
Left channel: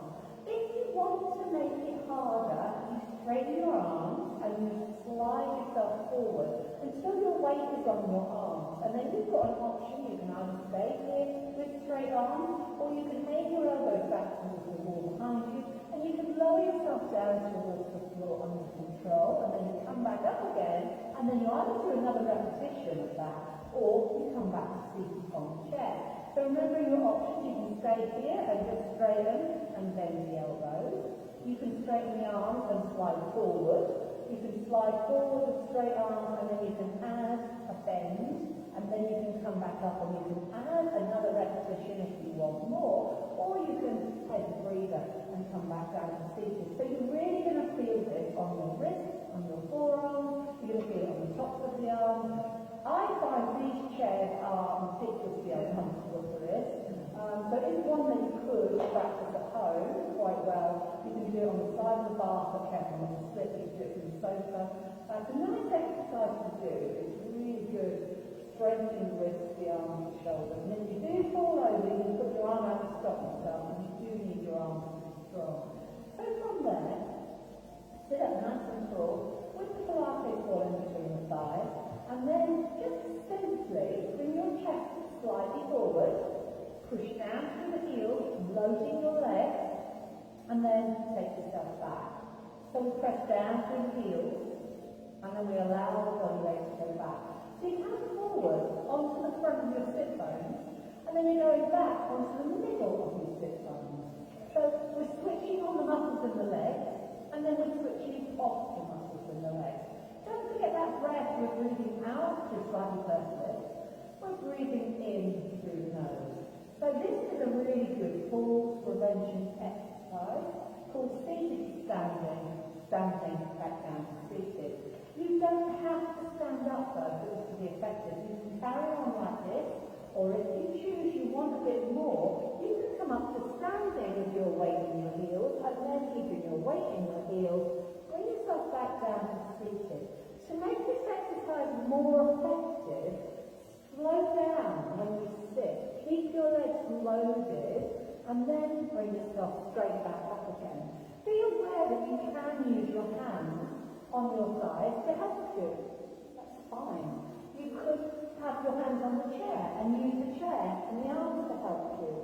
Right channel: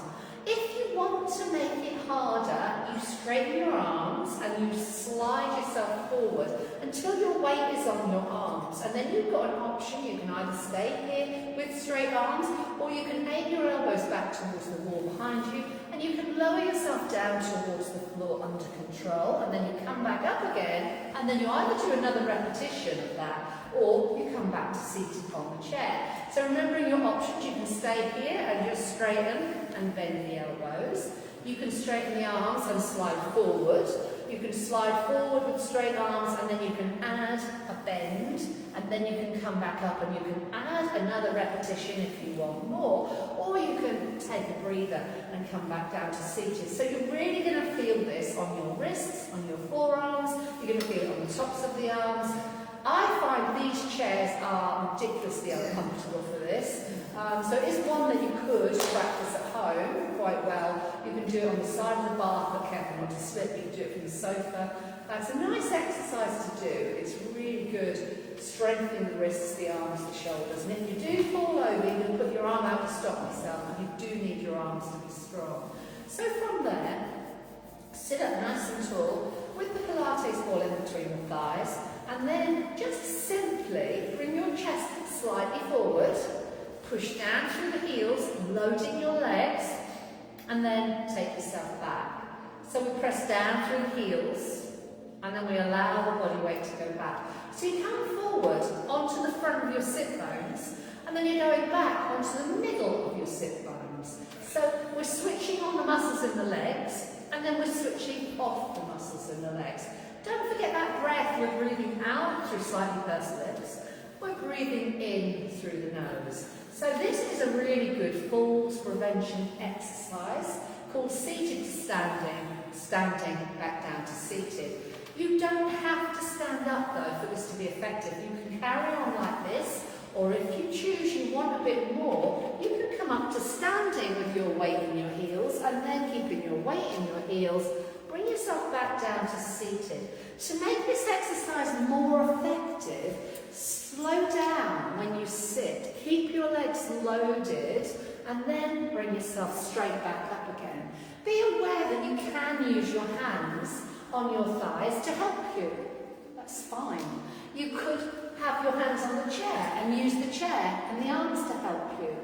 If you want to make it harder, you straighten your arms and you slide yourself forward until your weight is on your arms. And then you've got an option. You can either stay here with straight arms or you can aim your elbows back towards the wall behind you and you can lower yourself down towards the floor under control and then you come back up again and then you either do another repetition of that or you come back to seated on the chair. So remembering your options, you can stay here and just straighten and bend the elbows. You can straighten the arms and slide forward. You can slide forward with straight arms and then you can add a bend and then you can come back up and you can add another repetition if you want more, or you can take a breather and come back down to seated. So you're really going to feel this on your wrists, on your forearms, you're going to feel it on the tops of the arms. I find these chairs are ridiculously uncomfortable for this. So it is one that you could practice at home quite well. You can do it on the side of the bath, but careful not to slip. You can do it from the sofa. It's a nice exercise to do. It's really good, strengthening the wrists, the arms, the shoulders. And if you do fall over, you can put your arm out to stop yourself, and you do need your arms to be strong. So from there, sit up nice and tall with the Pilates ball in between the thighs. And then just simply bring your chest slightly forward, push down through the heels, loading your legs, and then take yourself back. So we press down through the heels, and then we allow the body weight to go back. So you come forward onto the front of your sit bones, and then you're going back onto the middle of your sit bones. So we're switching on the muscles in the legs, then we're switching off the muscles in the legs. Don't forget that breath. We're breathing out through slightly pursed lips. We're breathing in through the nose. So this is a really good falls prevention exercise called seated to standing, standing back down to seated. You don't have to stand up though for this to be effective. You can carry on like this, or if you choose you want a bit more, you can come up to standing with your weight in your heels and then keeping your weight in your heels, bring yourself back down to seated. To make this exercise more effective, slow down when you sit, keep your legs loaded and then bring yourself straight back up again. Be aware that you can use your hands on your thighs to help you. That's fine. You could have your hands on the chair and use the chair and the arms to help you.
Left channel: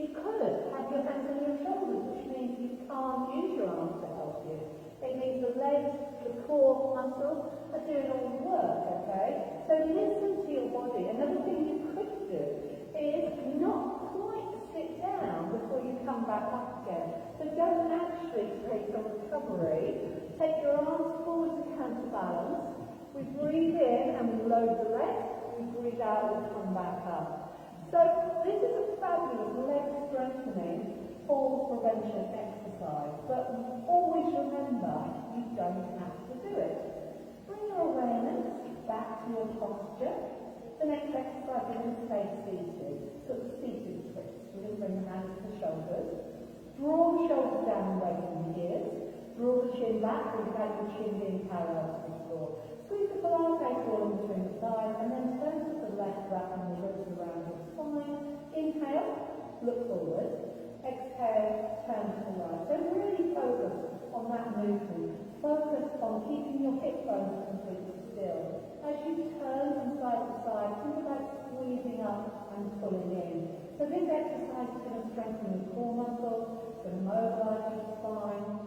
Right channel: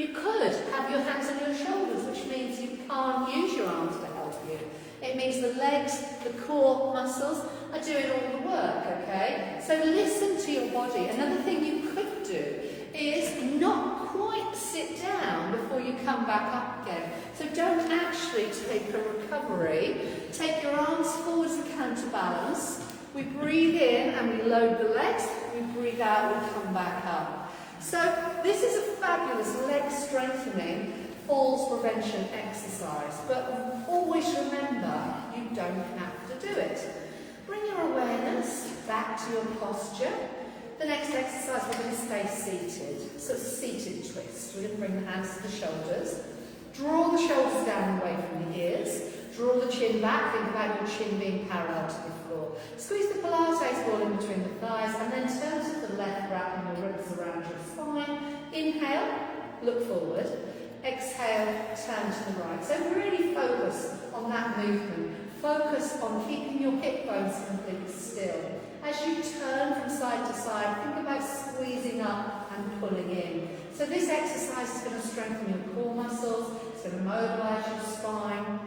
You could have your hands on your shoulders, which means you can't use your arms to help you. It means the legs, the core muscles are doing all the work, okay? So listen to your body. Another thing you could do is not quite sit down before you come back up again. So don't actually take a recovery. Take your arms forwards and counterbalance. We breathe in and we load the legs. We breathe out and come back up. So this is a fabulous leg strengthening falls prevention exercise. But always remember, you don't have to do it. Bring your awareness back to your posture. The next exercise, we're going to stay seated. So it's a seated twist. We're going to bring the hands to the shoulders. Draw the shoulders down away from the ears. Draw the chin back. Think about your chin being parallel to the floor. Squeeze the Pilates ball in between the thighs and then turn to the left, wrapping your ribs around your spine. Inhale, look forward. Exhale, turn to the right. So really focus on that movement. Focus on keeping your hip bones completely still. As you turn from side to side, think about squeezing up and pulling in. So this exercise is going to strengthen your core muscles, it's going to mobilise your spine.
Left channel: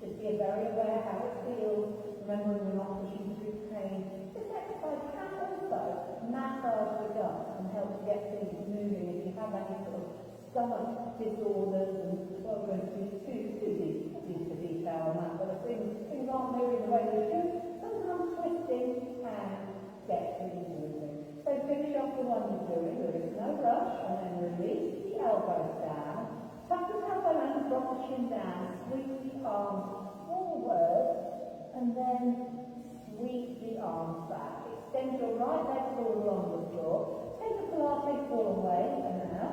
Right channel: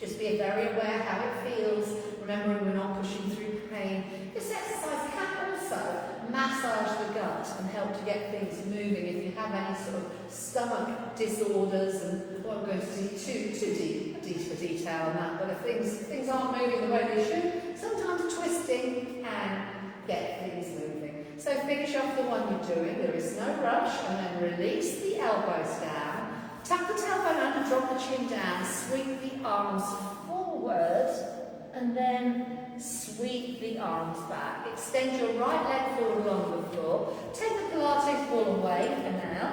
Just be very aware how it feels, remembering we're not pushing through pain. This exercise can also massage the gut and help to get things moving if you have any sort of stomach disorders, and I won't go into too deep for detail on that, but if things aren't moving the way they should, sometimes twisting can get things moving. So finish off the one you're doing, there is no rush, and then release the elbows down, tuck the tailbone under, drop the chin down, sweep the arms forward, and then sweep the arms back. Extend your right leg forward along the floor. Take the Pilates ball away for now.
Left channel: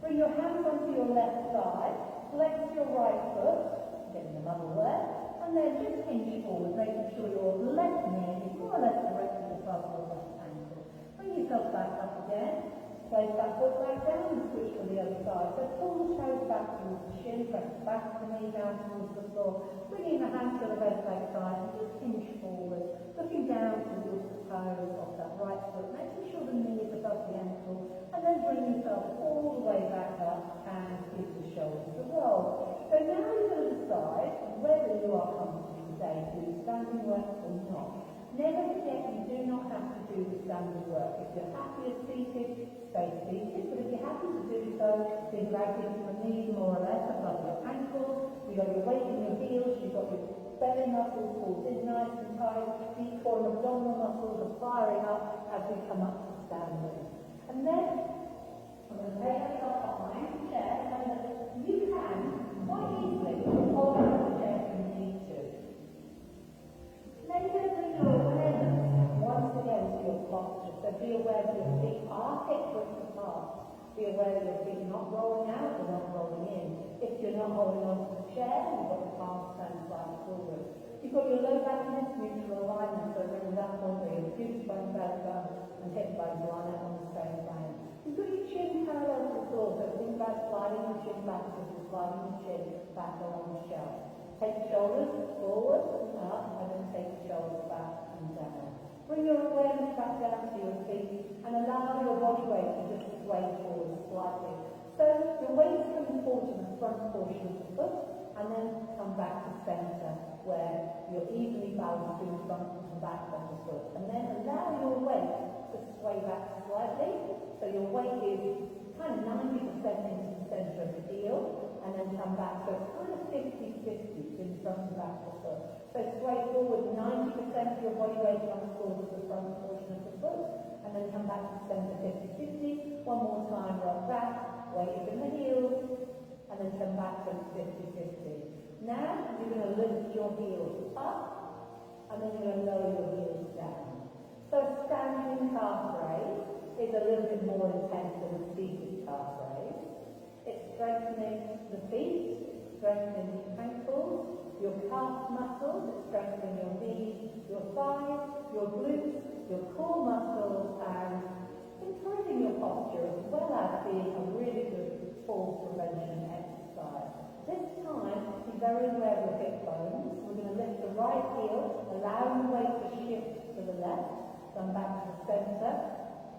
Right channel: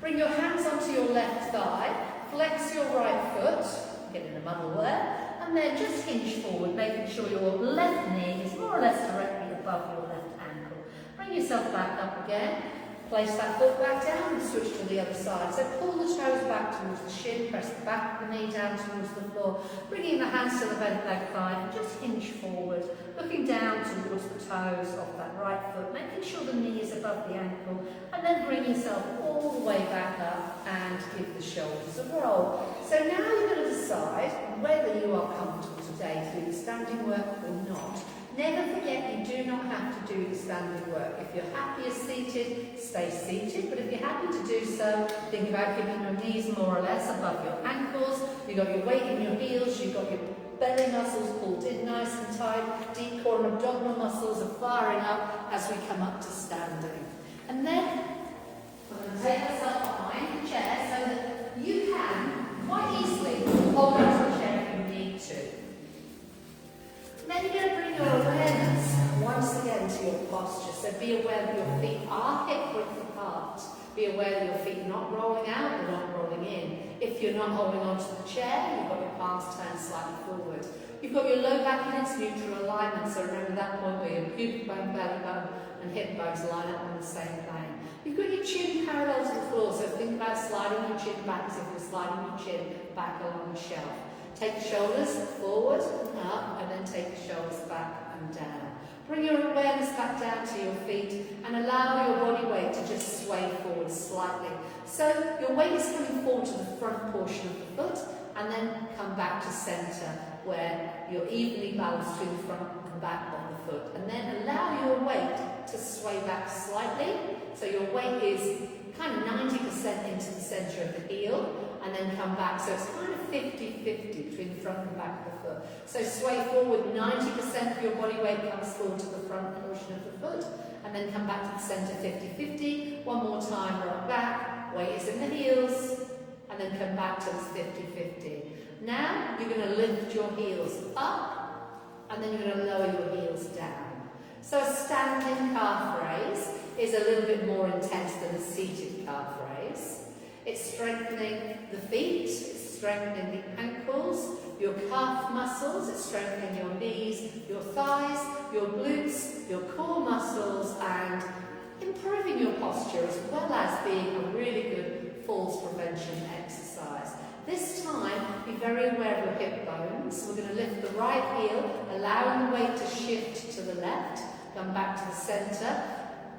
Bring your hands onto your left thigh. Flex your right foot. Get in a muddle there. And then just hinge forward, making sure your left knee is more or less directly above your left ankle. Bring yourself back up again. Place that foot back down and switch to the other side. So pull the toes back towards the shin, press the back of the knee down towards the floor, bringing the hands to the bent leg thigh and just hinge forward, looking down towards the toes of that right foot, making sure the knee is above the ankle, and then bring yourself all the way back up and give the shoulders a roll. So now you're going to decide whether you are comfortable today to do the standing work or not. Never forget you do not have to do the standing work. If you're happier seated, stay seated. But if you're happy to do so, think about keeping your knees more or less above your ankles. You've got your weight in your heels. You've got your belly muscles pulled in nice and tight. Deep core and abdominal muscles are firing up as we come up to standing. And then we're going to take ourselves behind the chair so that you can quite easily hold onto the chair if you need to. Then you're going to bring your awareness once again to your posture. So be aware that your feet are hip width apart. Be aware that your feet are not rolling out, they're not rolling in. If you're not holding onto the chair, you've got your palms turned slightly forward. You've got your low back in its neutral alignment, so remember that point where your pubic bone, belly bone and hip bones line up on the same plane. You've got your chin parallel to the floor, so think about sliding your chin back as if you're sliding your chin back along the shelf. Take the shoulders forward and up, and then take the shoulders back and down. Bring your awareness back down to your feet and allow your body weight to just sway forward slightly. So your weight is coming forward to the front portion of the foot and then come back to centre where you're evenly balanced between the front and back of the foot. And then allow your weight to sway back slightly. So your weight is kind of 90% into the centre of the heel and then come back. So it's kind of 50-50 between the front and back of the foot. So sway forward, 90% of your body weight comes forward to the front portion of the foot, and then come back to the centre 50-50. One more time, rock back, weight is in the heels, and then come back to this 50-50. Now you're going to lift your heels up, and then you're going to lower your heels down. So a standing calf raise is a little bit more intense than a seated calf raise. It's strengthening the feet, it's strengthening the ankles, your calf muscles, it's strengthening your knees, your thighs, your glutes, your core muscles, and improving your posture, as well as being a really good falls prevention exercise. This time, be very aware of your hip bones. We're going to lift the right heel, allowing the weight to shift to the left, come back to the centre,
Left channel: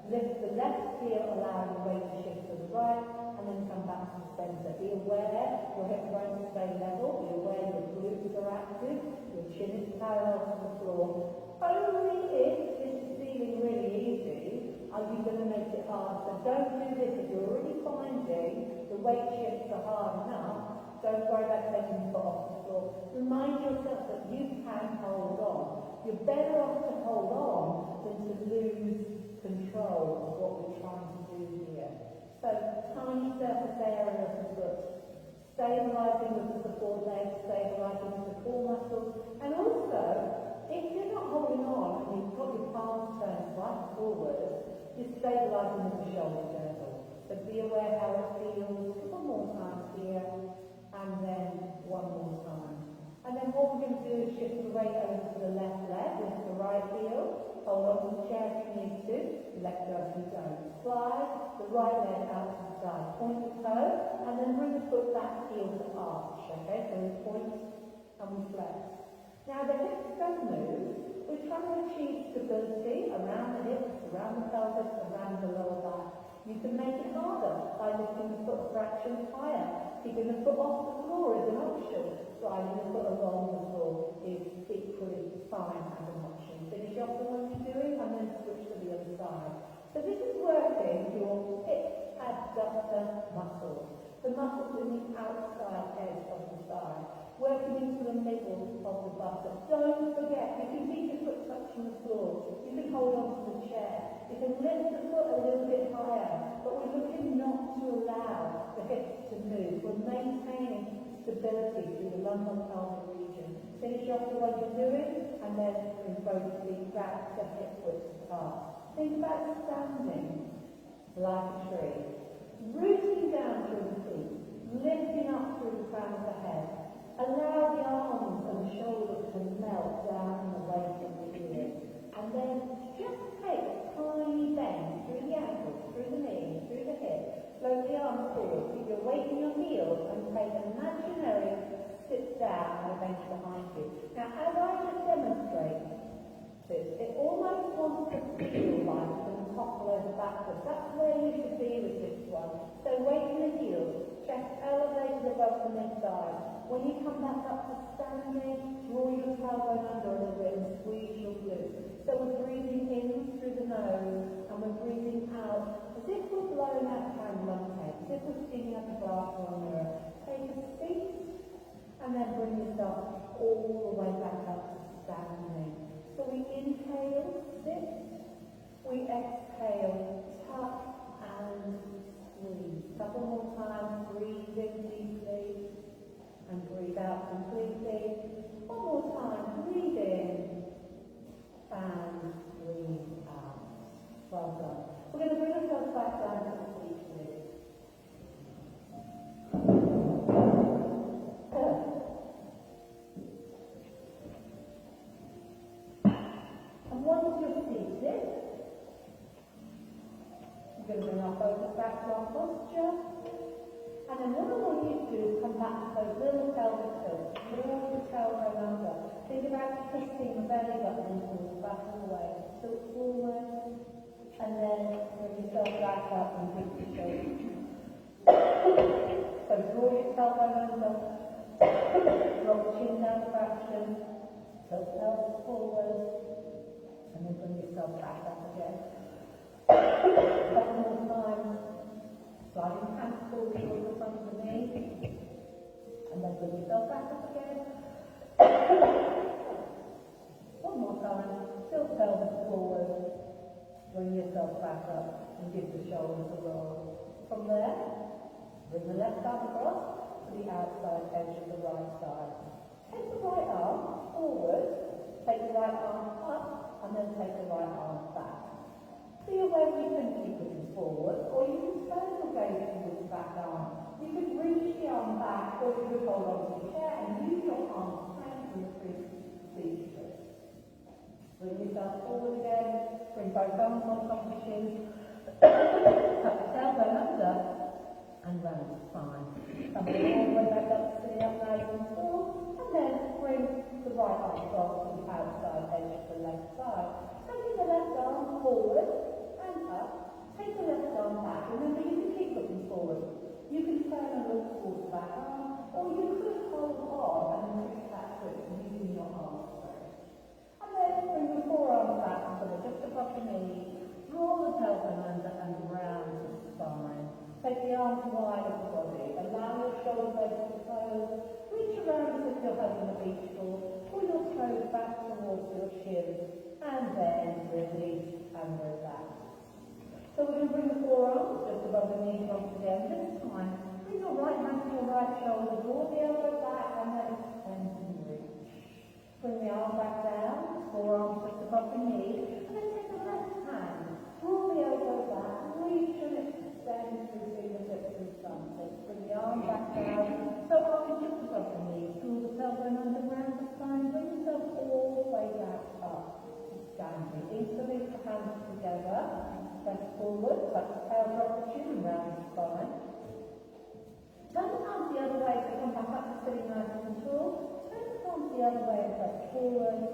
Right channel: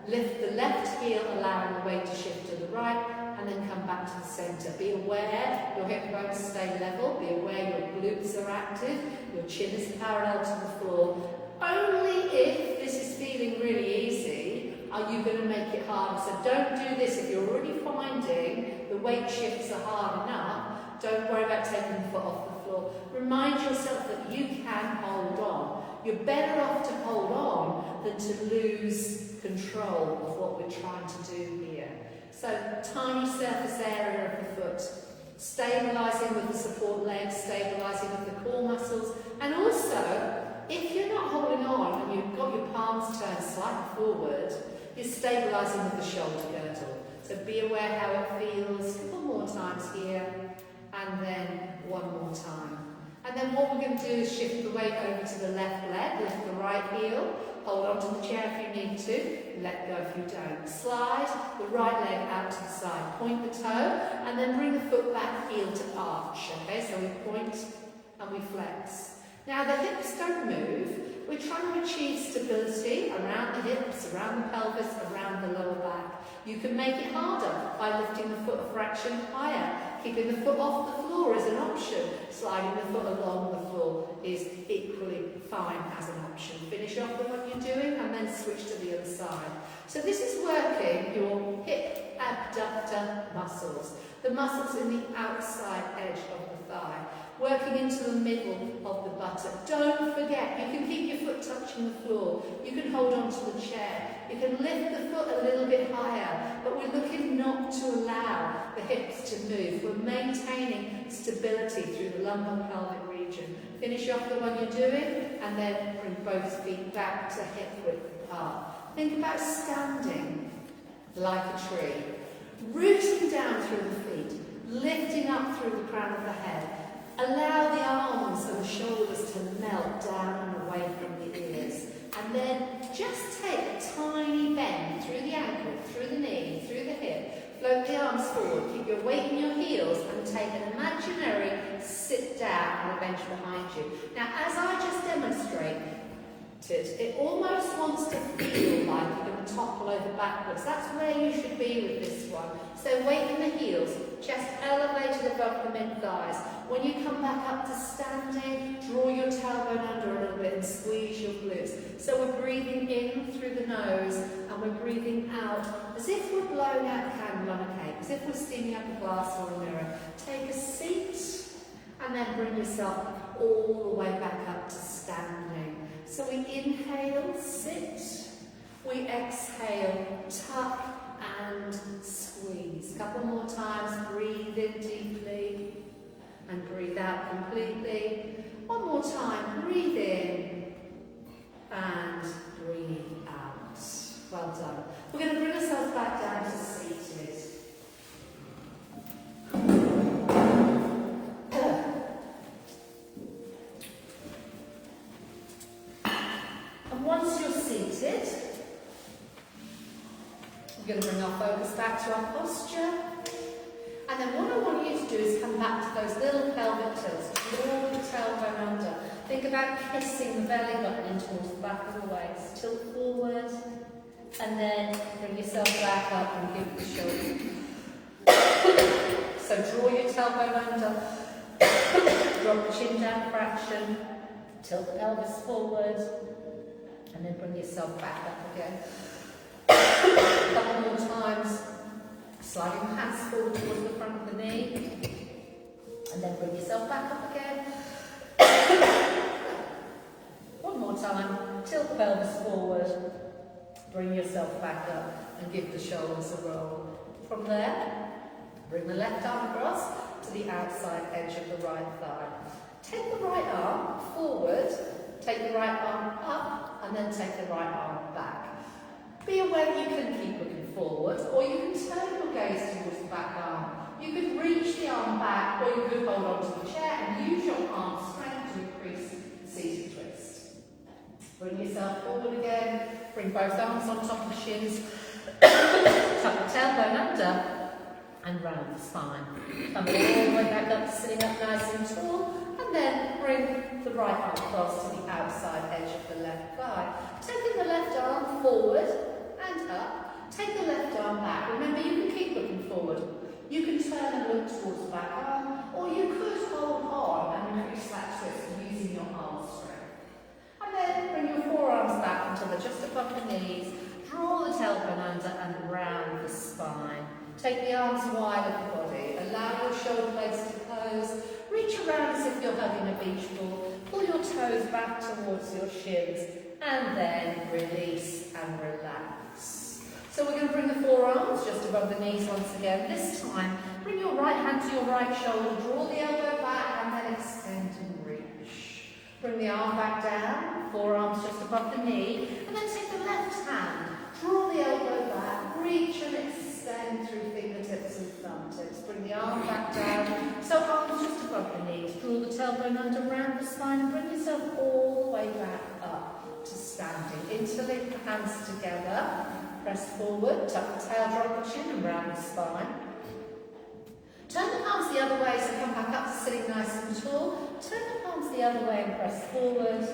lift the left heel, allowing the weight to shift to the right, and then come back to the centre. Be aware your hip bones stay level, be aware your glutes are active, your chin is parallel to the floor. Only if this is feeling really easy are you going to make it harder. So don't do this if you're already finding the weight shifts are hard enough. Don't worry about taking the foot off the floor. Remind yourself that you can hold on. You're better off to hold on than to lose control of what we're trying to do here. So, tiny surface area of the foot, stabilising with the support legs, stabilising with the core muscles, and also, if you're not holding on and you've got your palms turned slightly forward, you're stabilising with the shoulder girdle. So be aware how it feels. A couple more times here, and then one more time. And then what we're going to do is shift the weight over to the left leg, lift the right heel, hold on to the chair if you need to, let go if you don't. Slide the right leg out to the side, point the toe, and then bring the foot back, heel to arch. Okay, so we point and we flex. Now the hips don't move. We're trying to achieve stability around the hips, around the pelvis, around the lower back. You can make it harder by lifting the foot a fraction higher. Keeping the foot off the floor is an option. Sliding the foot along the floor is equally fine as an option. Finish off with what you're doing and then switch to the other side. So this is working your hip abductor muscles, the muscles in the outside edge of the thigh, working into the middle of the buttock. Don't forget, you can keep your foot touching the floor. You can hold on to the chair. You can lift the foot a little bit higher, but we're looking not to allow the hips to move. We're maintaining stability through the lumbar pelvic region. Finish off the one you're doing, and then bring both feet back to hip width apart. Think about standing like a tree, rooting down through the feet, lifting up through the crown of the head. Allow the arms and the shoulders to melt down and away from the ears. And then just take a tiny bend through the ankle, through the knee, through the hip. Float the arms forward, keep your weight in your heels, and take an imaginary sit down on the bench behind you. Now, as I just demonstrated, it almost wants to feel like you're going to topple over backwards. That's where you should be with this one. So weight in the heels, chest elevated above the mid-thighs. When you come back up to standing, draw your tailbone under a little bit and squeeze your glutes. So we're breathing in through the nose and we're breathing out as if we're blowing out a candle on a cake, as if we're steaming up a glass or a mirror. Take a seat and then bring yourself all the way back up to standing. So we inhale, sit. We exhale, tuck and squeeze. A couple more times, breathe in deeply. And breathe out completely. One more time, breathe in and breathe out. Well done. We're going to bring ourselves back down to seated. And once you're seated, we're going to bring our focus back to our posture. And then what I want you to do is come back to those little pelvic tilts. Draw the tailbone under. Think about kissing the belly button in towards the back of the waist. Tilt forward. And then bring yourself back up and give the shoulder. So draw your tailbone under. Drop the chin down a fraction. Tilt the pelvis forward. And then bring yourself back up again. A couple more times. Sliding the hands forward towards the front of the knee. And then bring yourself back up again. pelvis forward. Bring yourself back up and give the shoulders a roll. From there, bring the left arm across to the outside edge of the right thigh. Take the right arm forward, take the right arm up, and then take the right arm back. Be aware that you can keep looking forward, or you can turn your gaze towards the back arm. You could reach the arm back, or you could hold onto the chair and use your arm strength to increase seated twist. Bring yourself forward again, bring both arms on top of the shins, tuck the tailbone under, and round the spine. Come all the way back up, sitting up nice and tall, and then bring the right arm across to the outside edge of the left thigh. Taking the left arm forward and up, take the left arm back. Remember, you can keep looking forward. You can turn and look towards the back arm, or you could hold on and increase that twist using your arm strength. And then bring your forearms back until they're just above the knees. Draw the tailbone under and round the spine. Take the arms wide of the body. Allow your shoulder blades to close. Reach around as if you're hugging a beach ball. Pull your toes back towards your shins. And then release and relax. So we're going to bring the forearms just above the knees once again. This time, bring your right hand to your right shoulder. Draw the elbow back and then extend and reach. Bring the arm back down. Forearms just above the knee. And then take the left hand. Draw the elbow back. Reach and extend through fingertips and thumb tips. Bring the arm back down. So arms just above the knees. Draw the tailbone under round the spine and bring yourself all the way back up to standing. Interlink the hands together. Press forward. Tuck the tail, drop the chin and round the spine. Turn the palms the other way, so come back up to sitting nice and tall. Turn the palms the other way and press forward.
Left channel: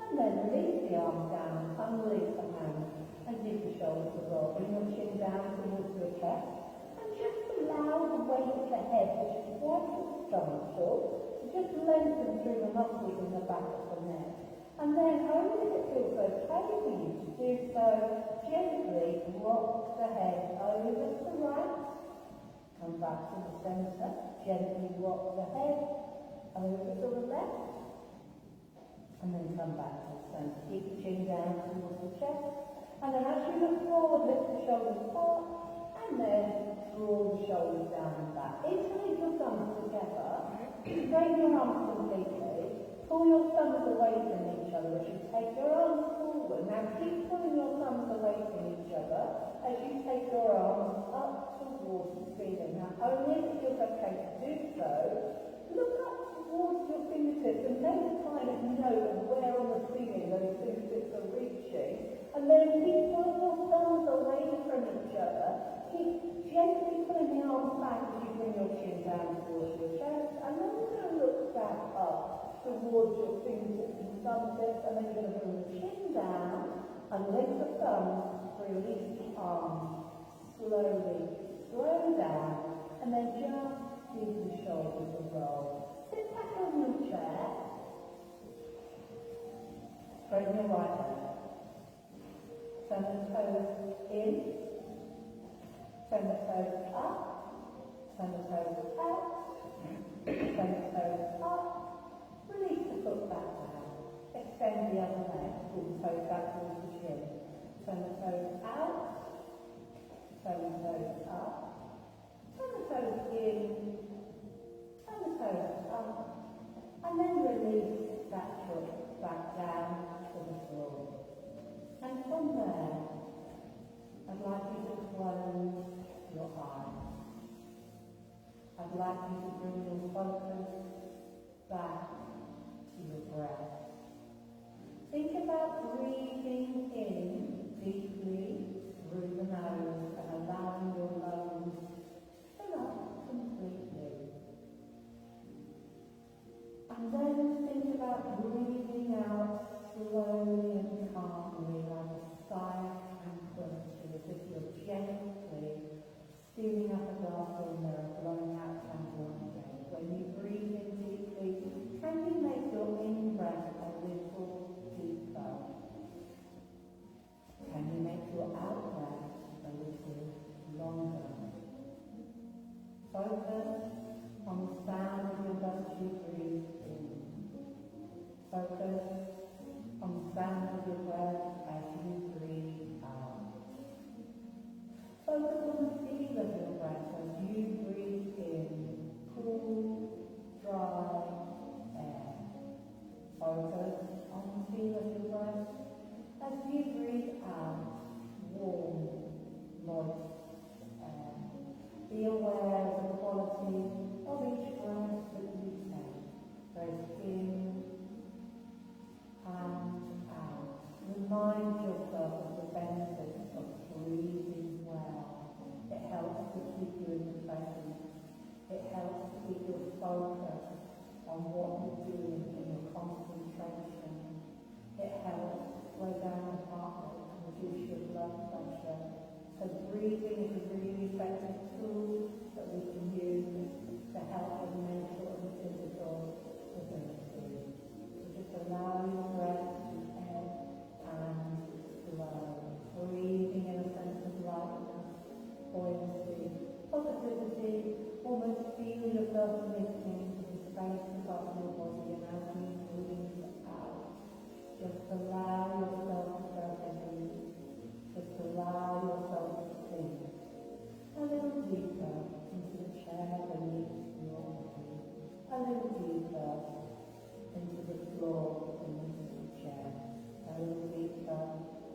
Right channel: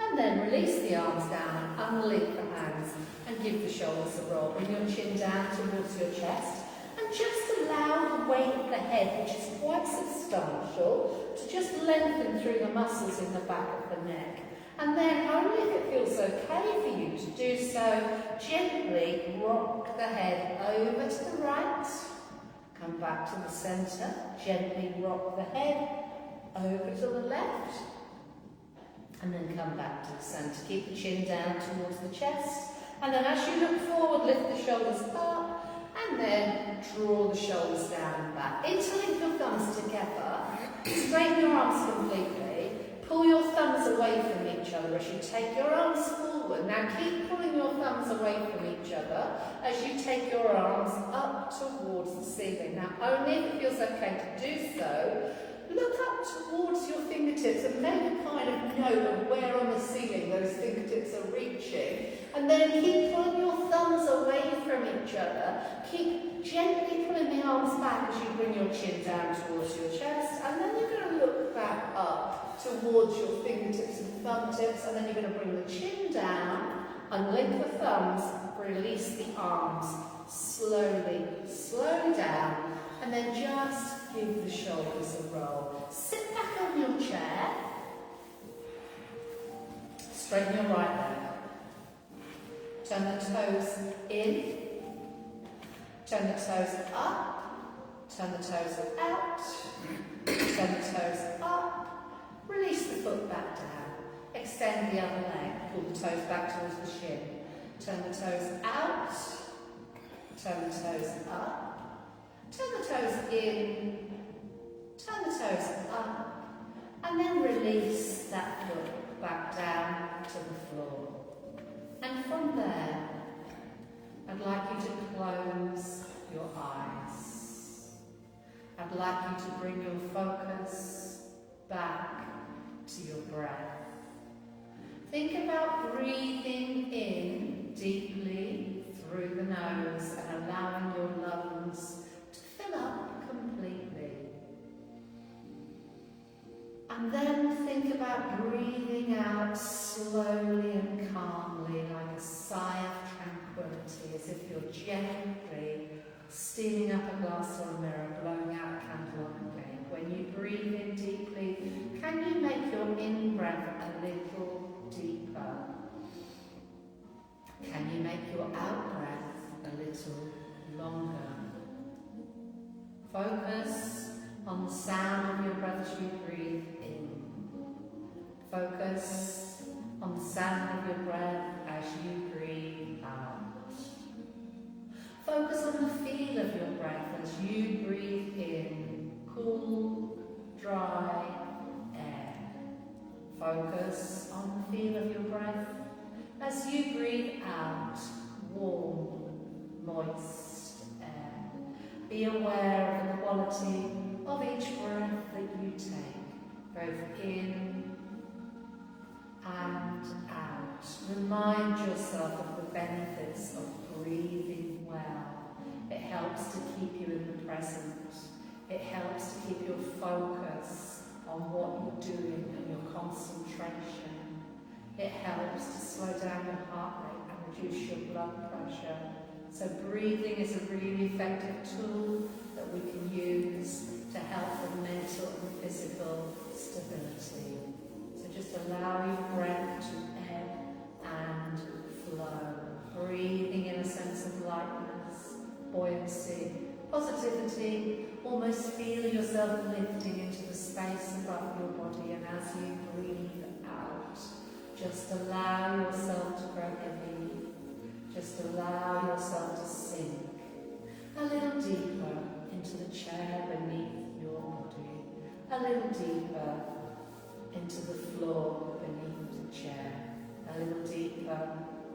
And then release the arms down, unlink the hands, and give the shoulders a roll. Bring your chin down towards your chest. And just allow the weight of the head, which is quite substantial, to just lengthen through the muscles in the back of the neck. And then, only if it feels okay for you to do so, gently rock the head over to the right. Come back to the centre. Gently rock the head over to the left. And then come back to the centre. Keep the chin down towards the chest. And then as you look forward, lift the shoulders up. And then draw the shoulders down and back. Interlink your thumbs together. Straighten your arms completely. Pull your thumbs away from each other as you take your arms forward. Now keep pulling your thumbs away from each other as you take your arms up towards the ceiling. Now only if it feels okay to do so, look up towards your fingertips and make a kind of note of where on the ceiling those fingertips are reaching. And then keep pulling your thumbs away from each other. Keep gently pulling the arms back as you bring your chin down towards your chest. And then you're going to look back up towards your fingertips and thumb tips. And then you're going to bring the chin down, unlink the thumbs, release the arms. Slowly, slow down. And then just give the shoulders a roll. Sit back on your chair. Straighten your right leg. Turn the toes in. Turn the toes up. Turn the toes out. Turn the toes up. Release the foot back down. Extend the other leg. Pull the toes back towards the shin. Turn the toes out. Turn the toes up. Turn the toes in. Turn the toes up. And then release that foot back down to the floor. And from there, I'd like you to close your eyes. I'd like you to bring your focus back to your breath. Think about breathing in deeply through the nose and allowing your lungs to fill up completely. And then think about breathing out slowly and calmly, like a sigh of tranquility, as if you're gently steaming up a glass or a mirror, blowing out a candle on a cake. When you breathe in deeply, can you make your in-breath a little deeper? Can you make your out-breath a little longer? Focus on the sound of your breath as you breathe in. Focus on the sound of your breath Focus on the feel of your breath as you breathe out warm, moist air. Be aware of the quality of each breath that you take, both in and out. Remind yourself of the benefits of breathing well. It helps to keep you in the present. It helps to keep your focus on what you're doing and your concentration. It helps to slow down your heart rate and reduce your blood pressure. So breathing is a really effective tool that we can use to help with mental and physical stability. So just allow your breath to ebb and flow. Breathing in a sense of lightness, buoyancy, positivity. Almost feel yourself lifting into the space above your body, and as you breathe out, just allow yourself to grow heavy. Just allow yourself to sink a little deeper into the chair beneath your body, a little deeper into the floor beneath the chair, a little deeper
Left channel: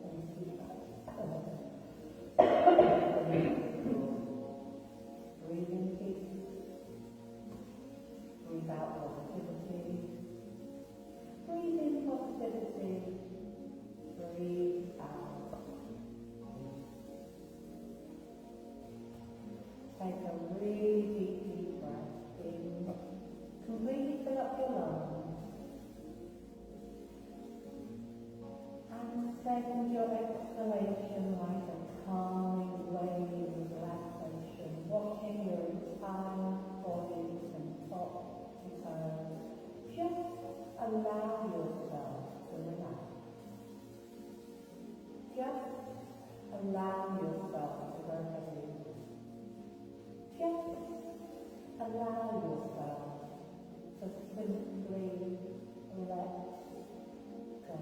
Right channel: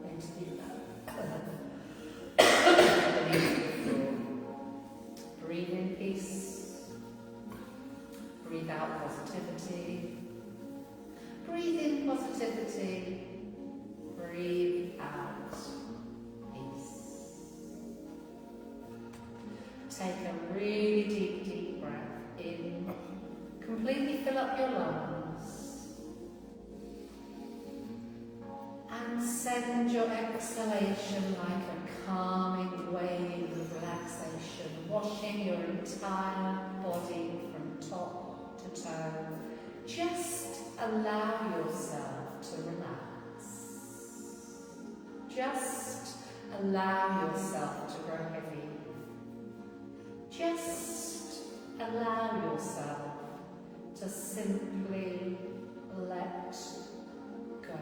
into the beneath the floor. Breathe in peace. Breathe out positivity. Breathe in positivity. Breathe out peace. Take a really deep breath in. Completely fill up your lungs. And send your exhalation like a calming wave of relaxation, washing your entire body from top to toe. Just allow yourself to relax. Just allow yourself to grow heavy. Just allow yourself to simply let go.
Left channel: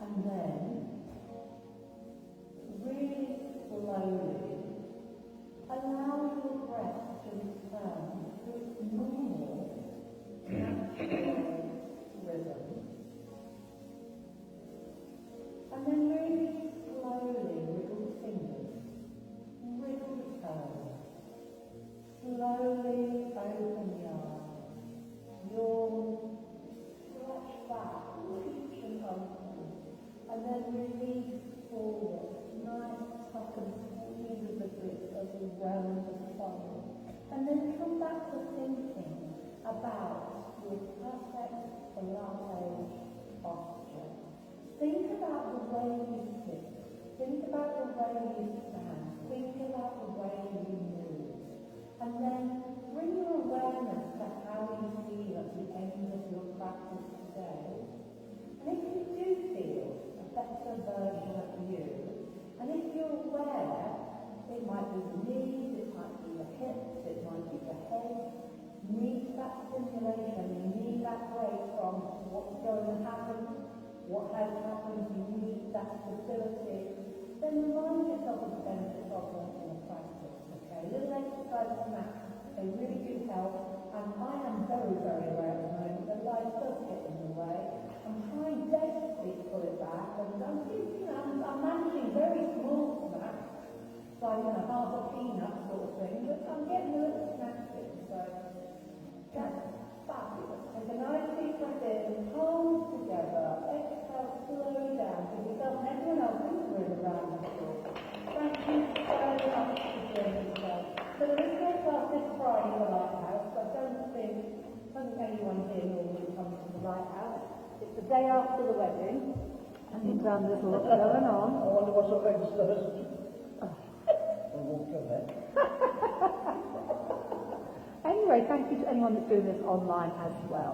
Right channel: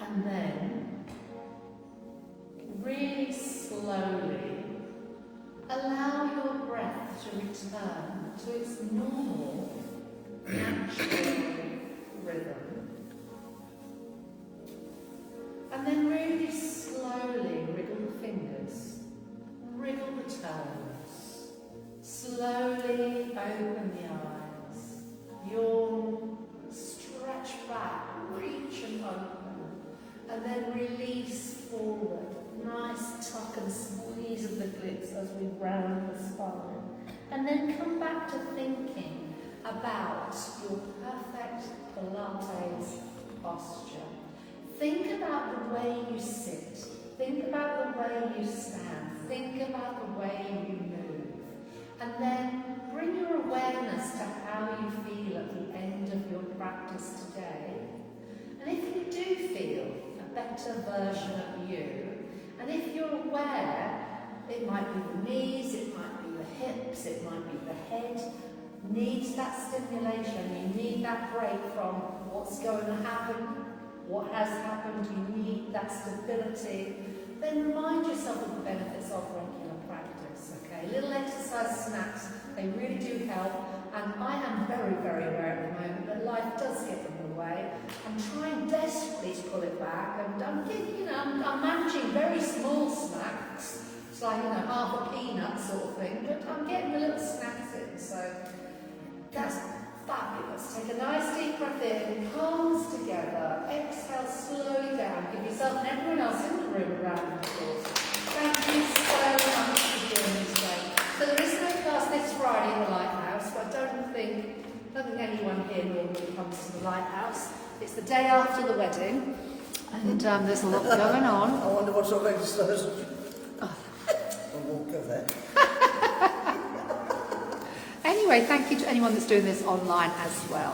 And then, really slowly, allow your breath to return to its normal, natural rhythm. And then really slowly wriggle the fingers, wriggle the toes, slowly open the eyes, yawn, stretch back, reach and open. And then release forward. Nice tuck and squeeze of the glutes as we round the spine. And then come back to thinking about your perfect Pilates posture. Think about the way you sit. Think about the way you stand. Think about the way you move. And then bring your awareness to how you feel at the end of your practice today. And if you do feel better version of you, and if you're aware, it might be the knees, it might be the hips, it might be the head, needs that stimulation, you need that break from what's going to happen, what has happened, you need that stability, then remind yourself of the benefits of regular practice, okay? Little exercise snacks, they really do help. And I am very, very aware at the moment that life does get in the way. I'm trying desperately to pull it back, and I'm getting, I'm managing very small snacks. It's like, half a peanut sort of thing, but I'm getting the little snacks in, so that's fabulous. Take a nice deep breath in, palms together, exhale slowly down, give yourself and everyone else in the room a round of applause. Thank you so much for joining us today. So there is no class this Friday in the Lighthouse, but I don't think anyone here normally comes to the Lighthouse. It's the day after the wedding, and there's a lot going on. I wonder what's on registers. I won't go there. Anyway, thank you to anyone that's doing this online as well.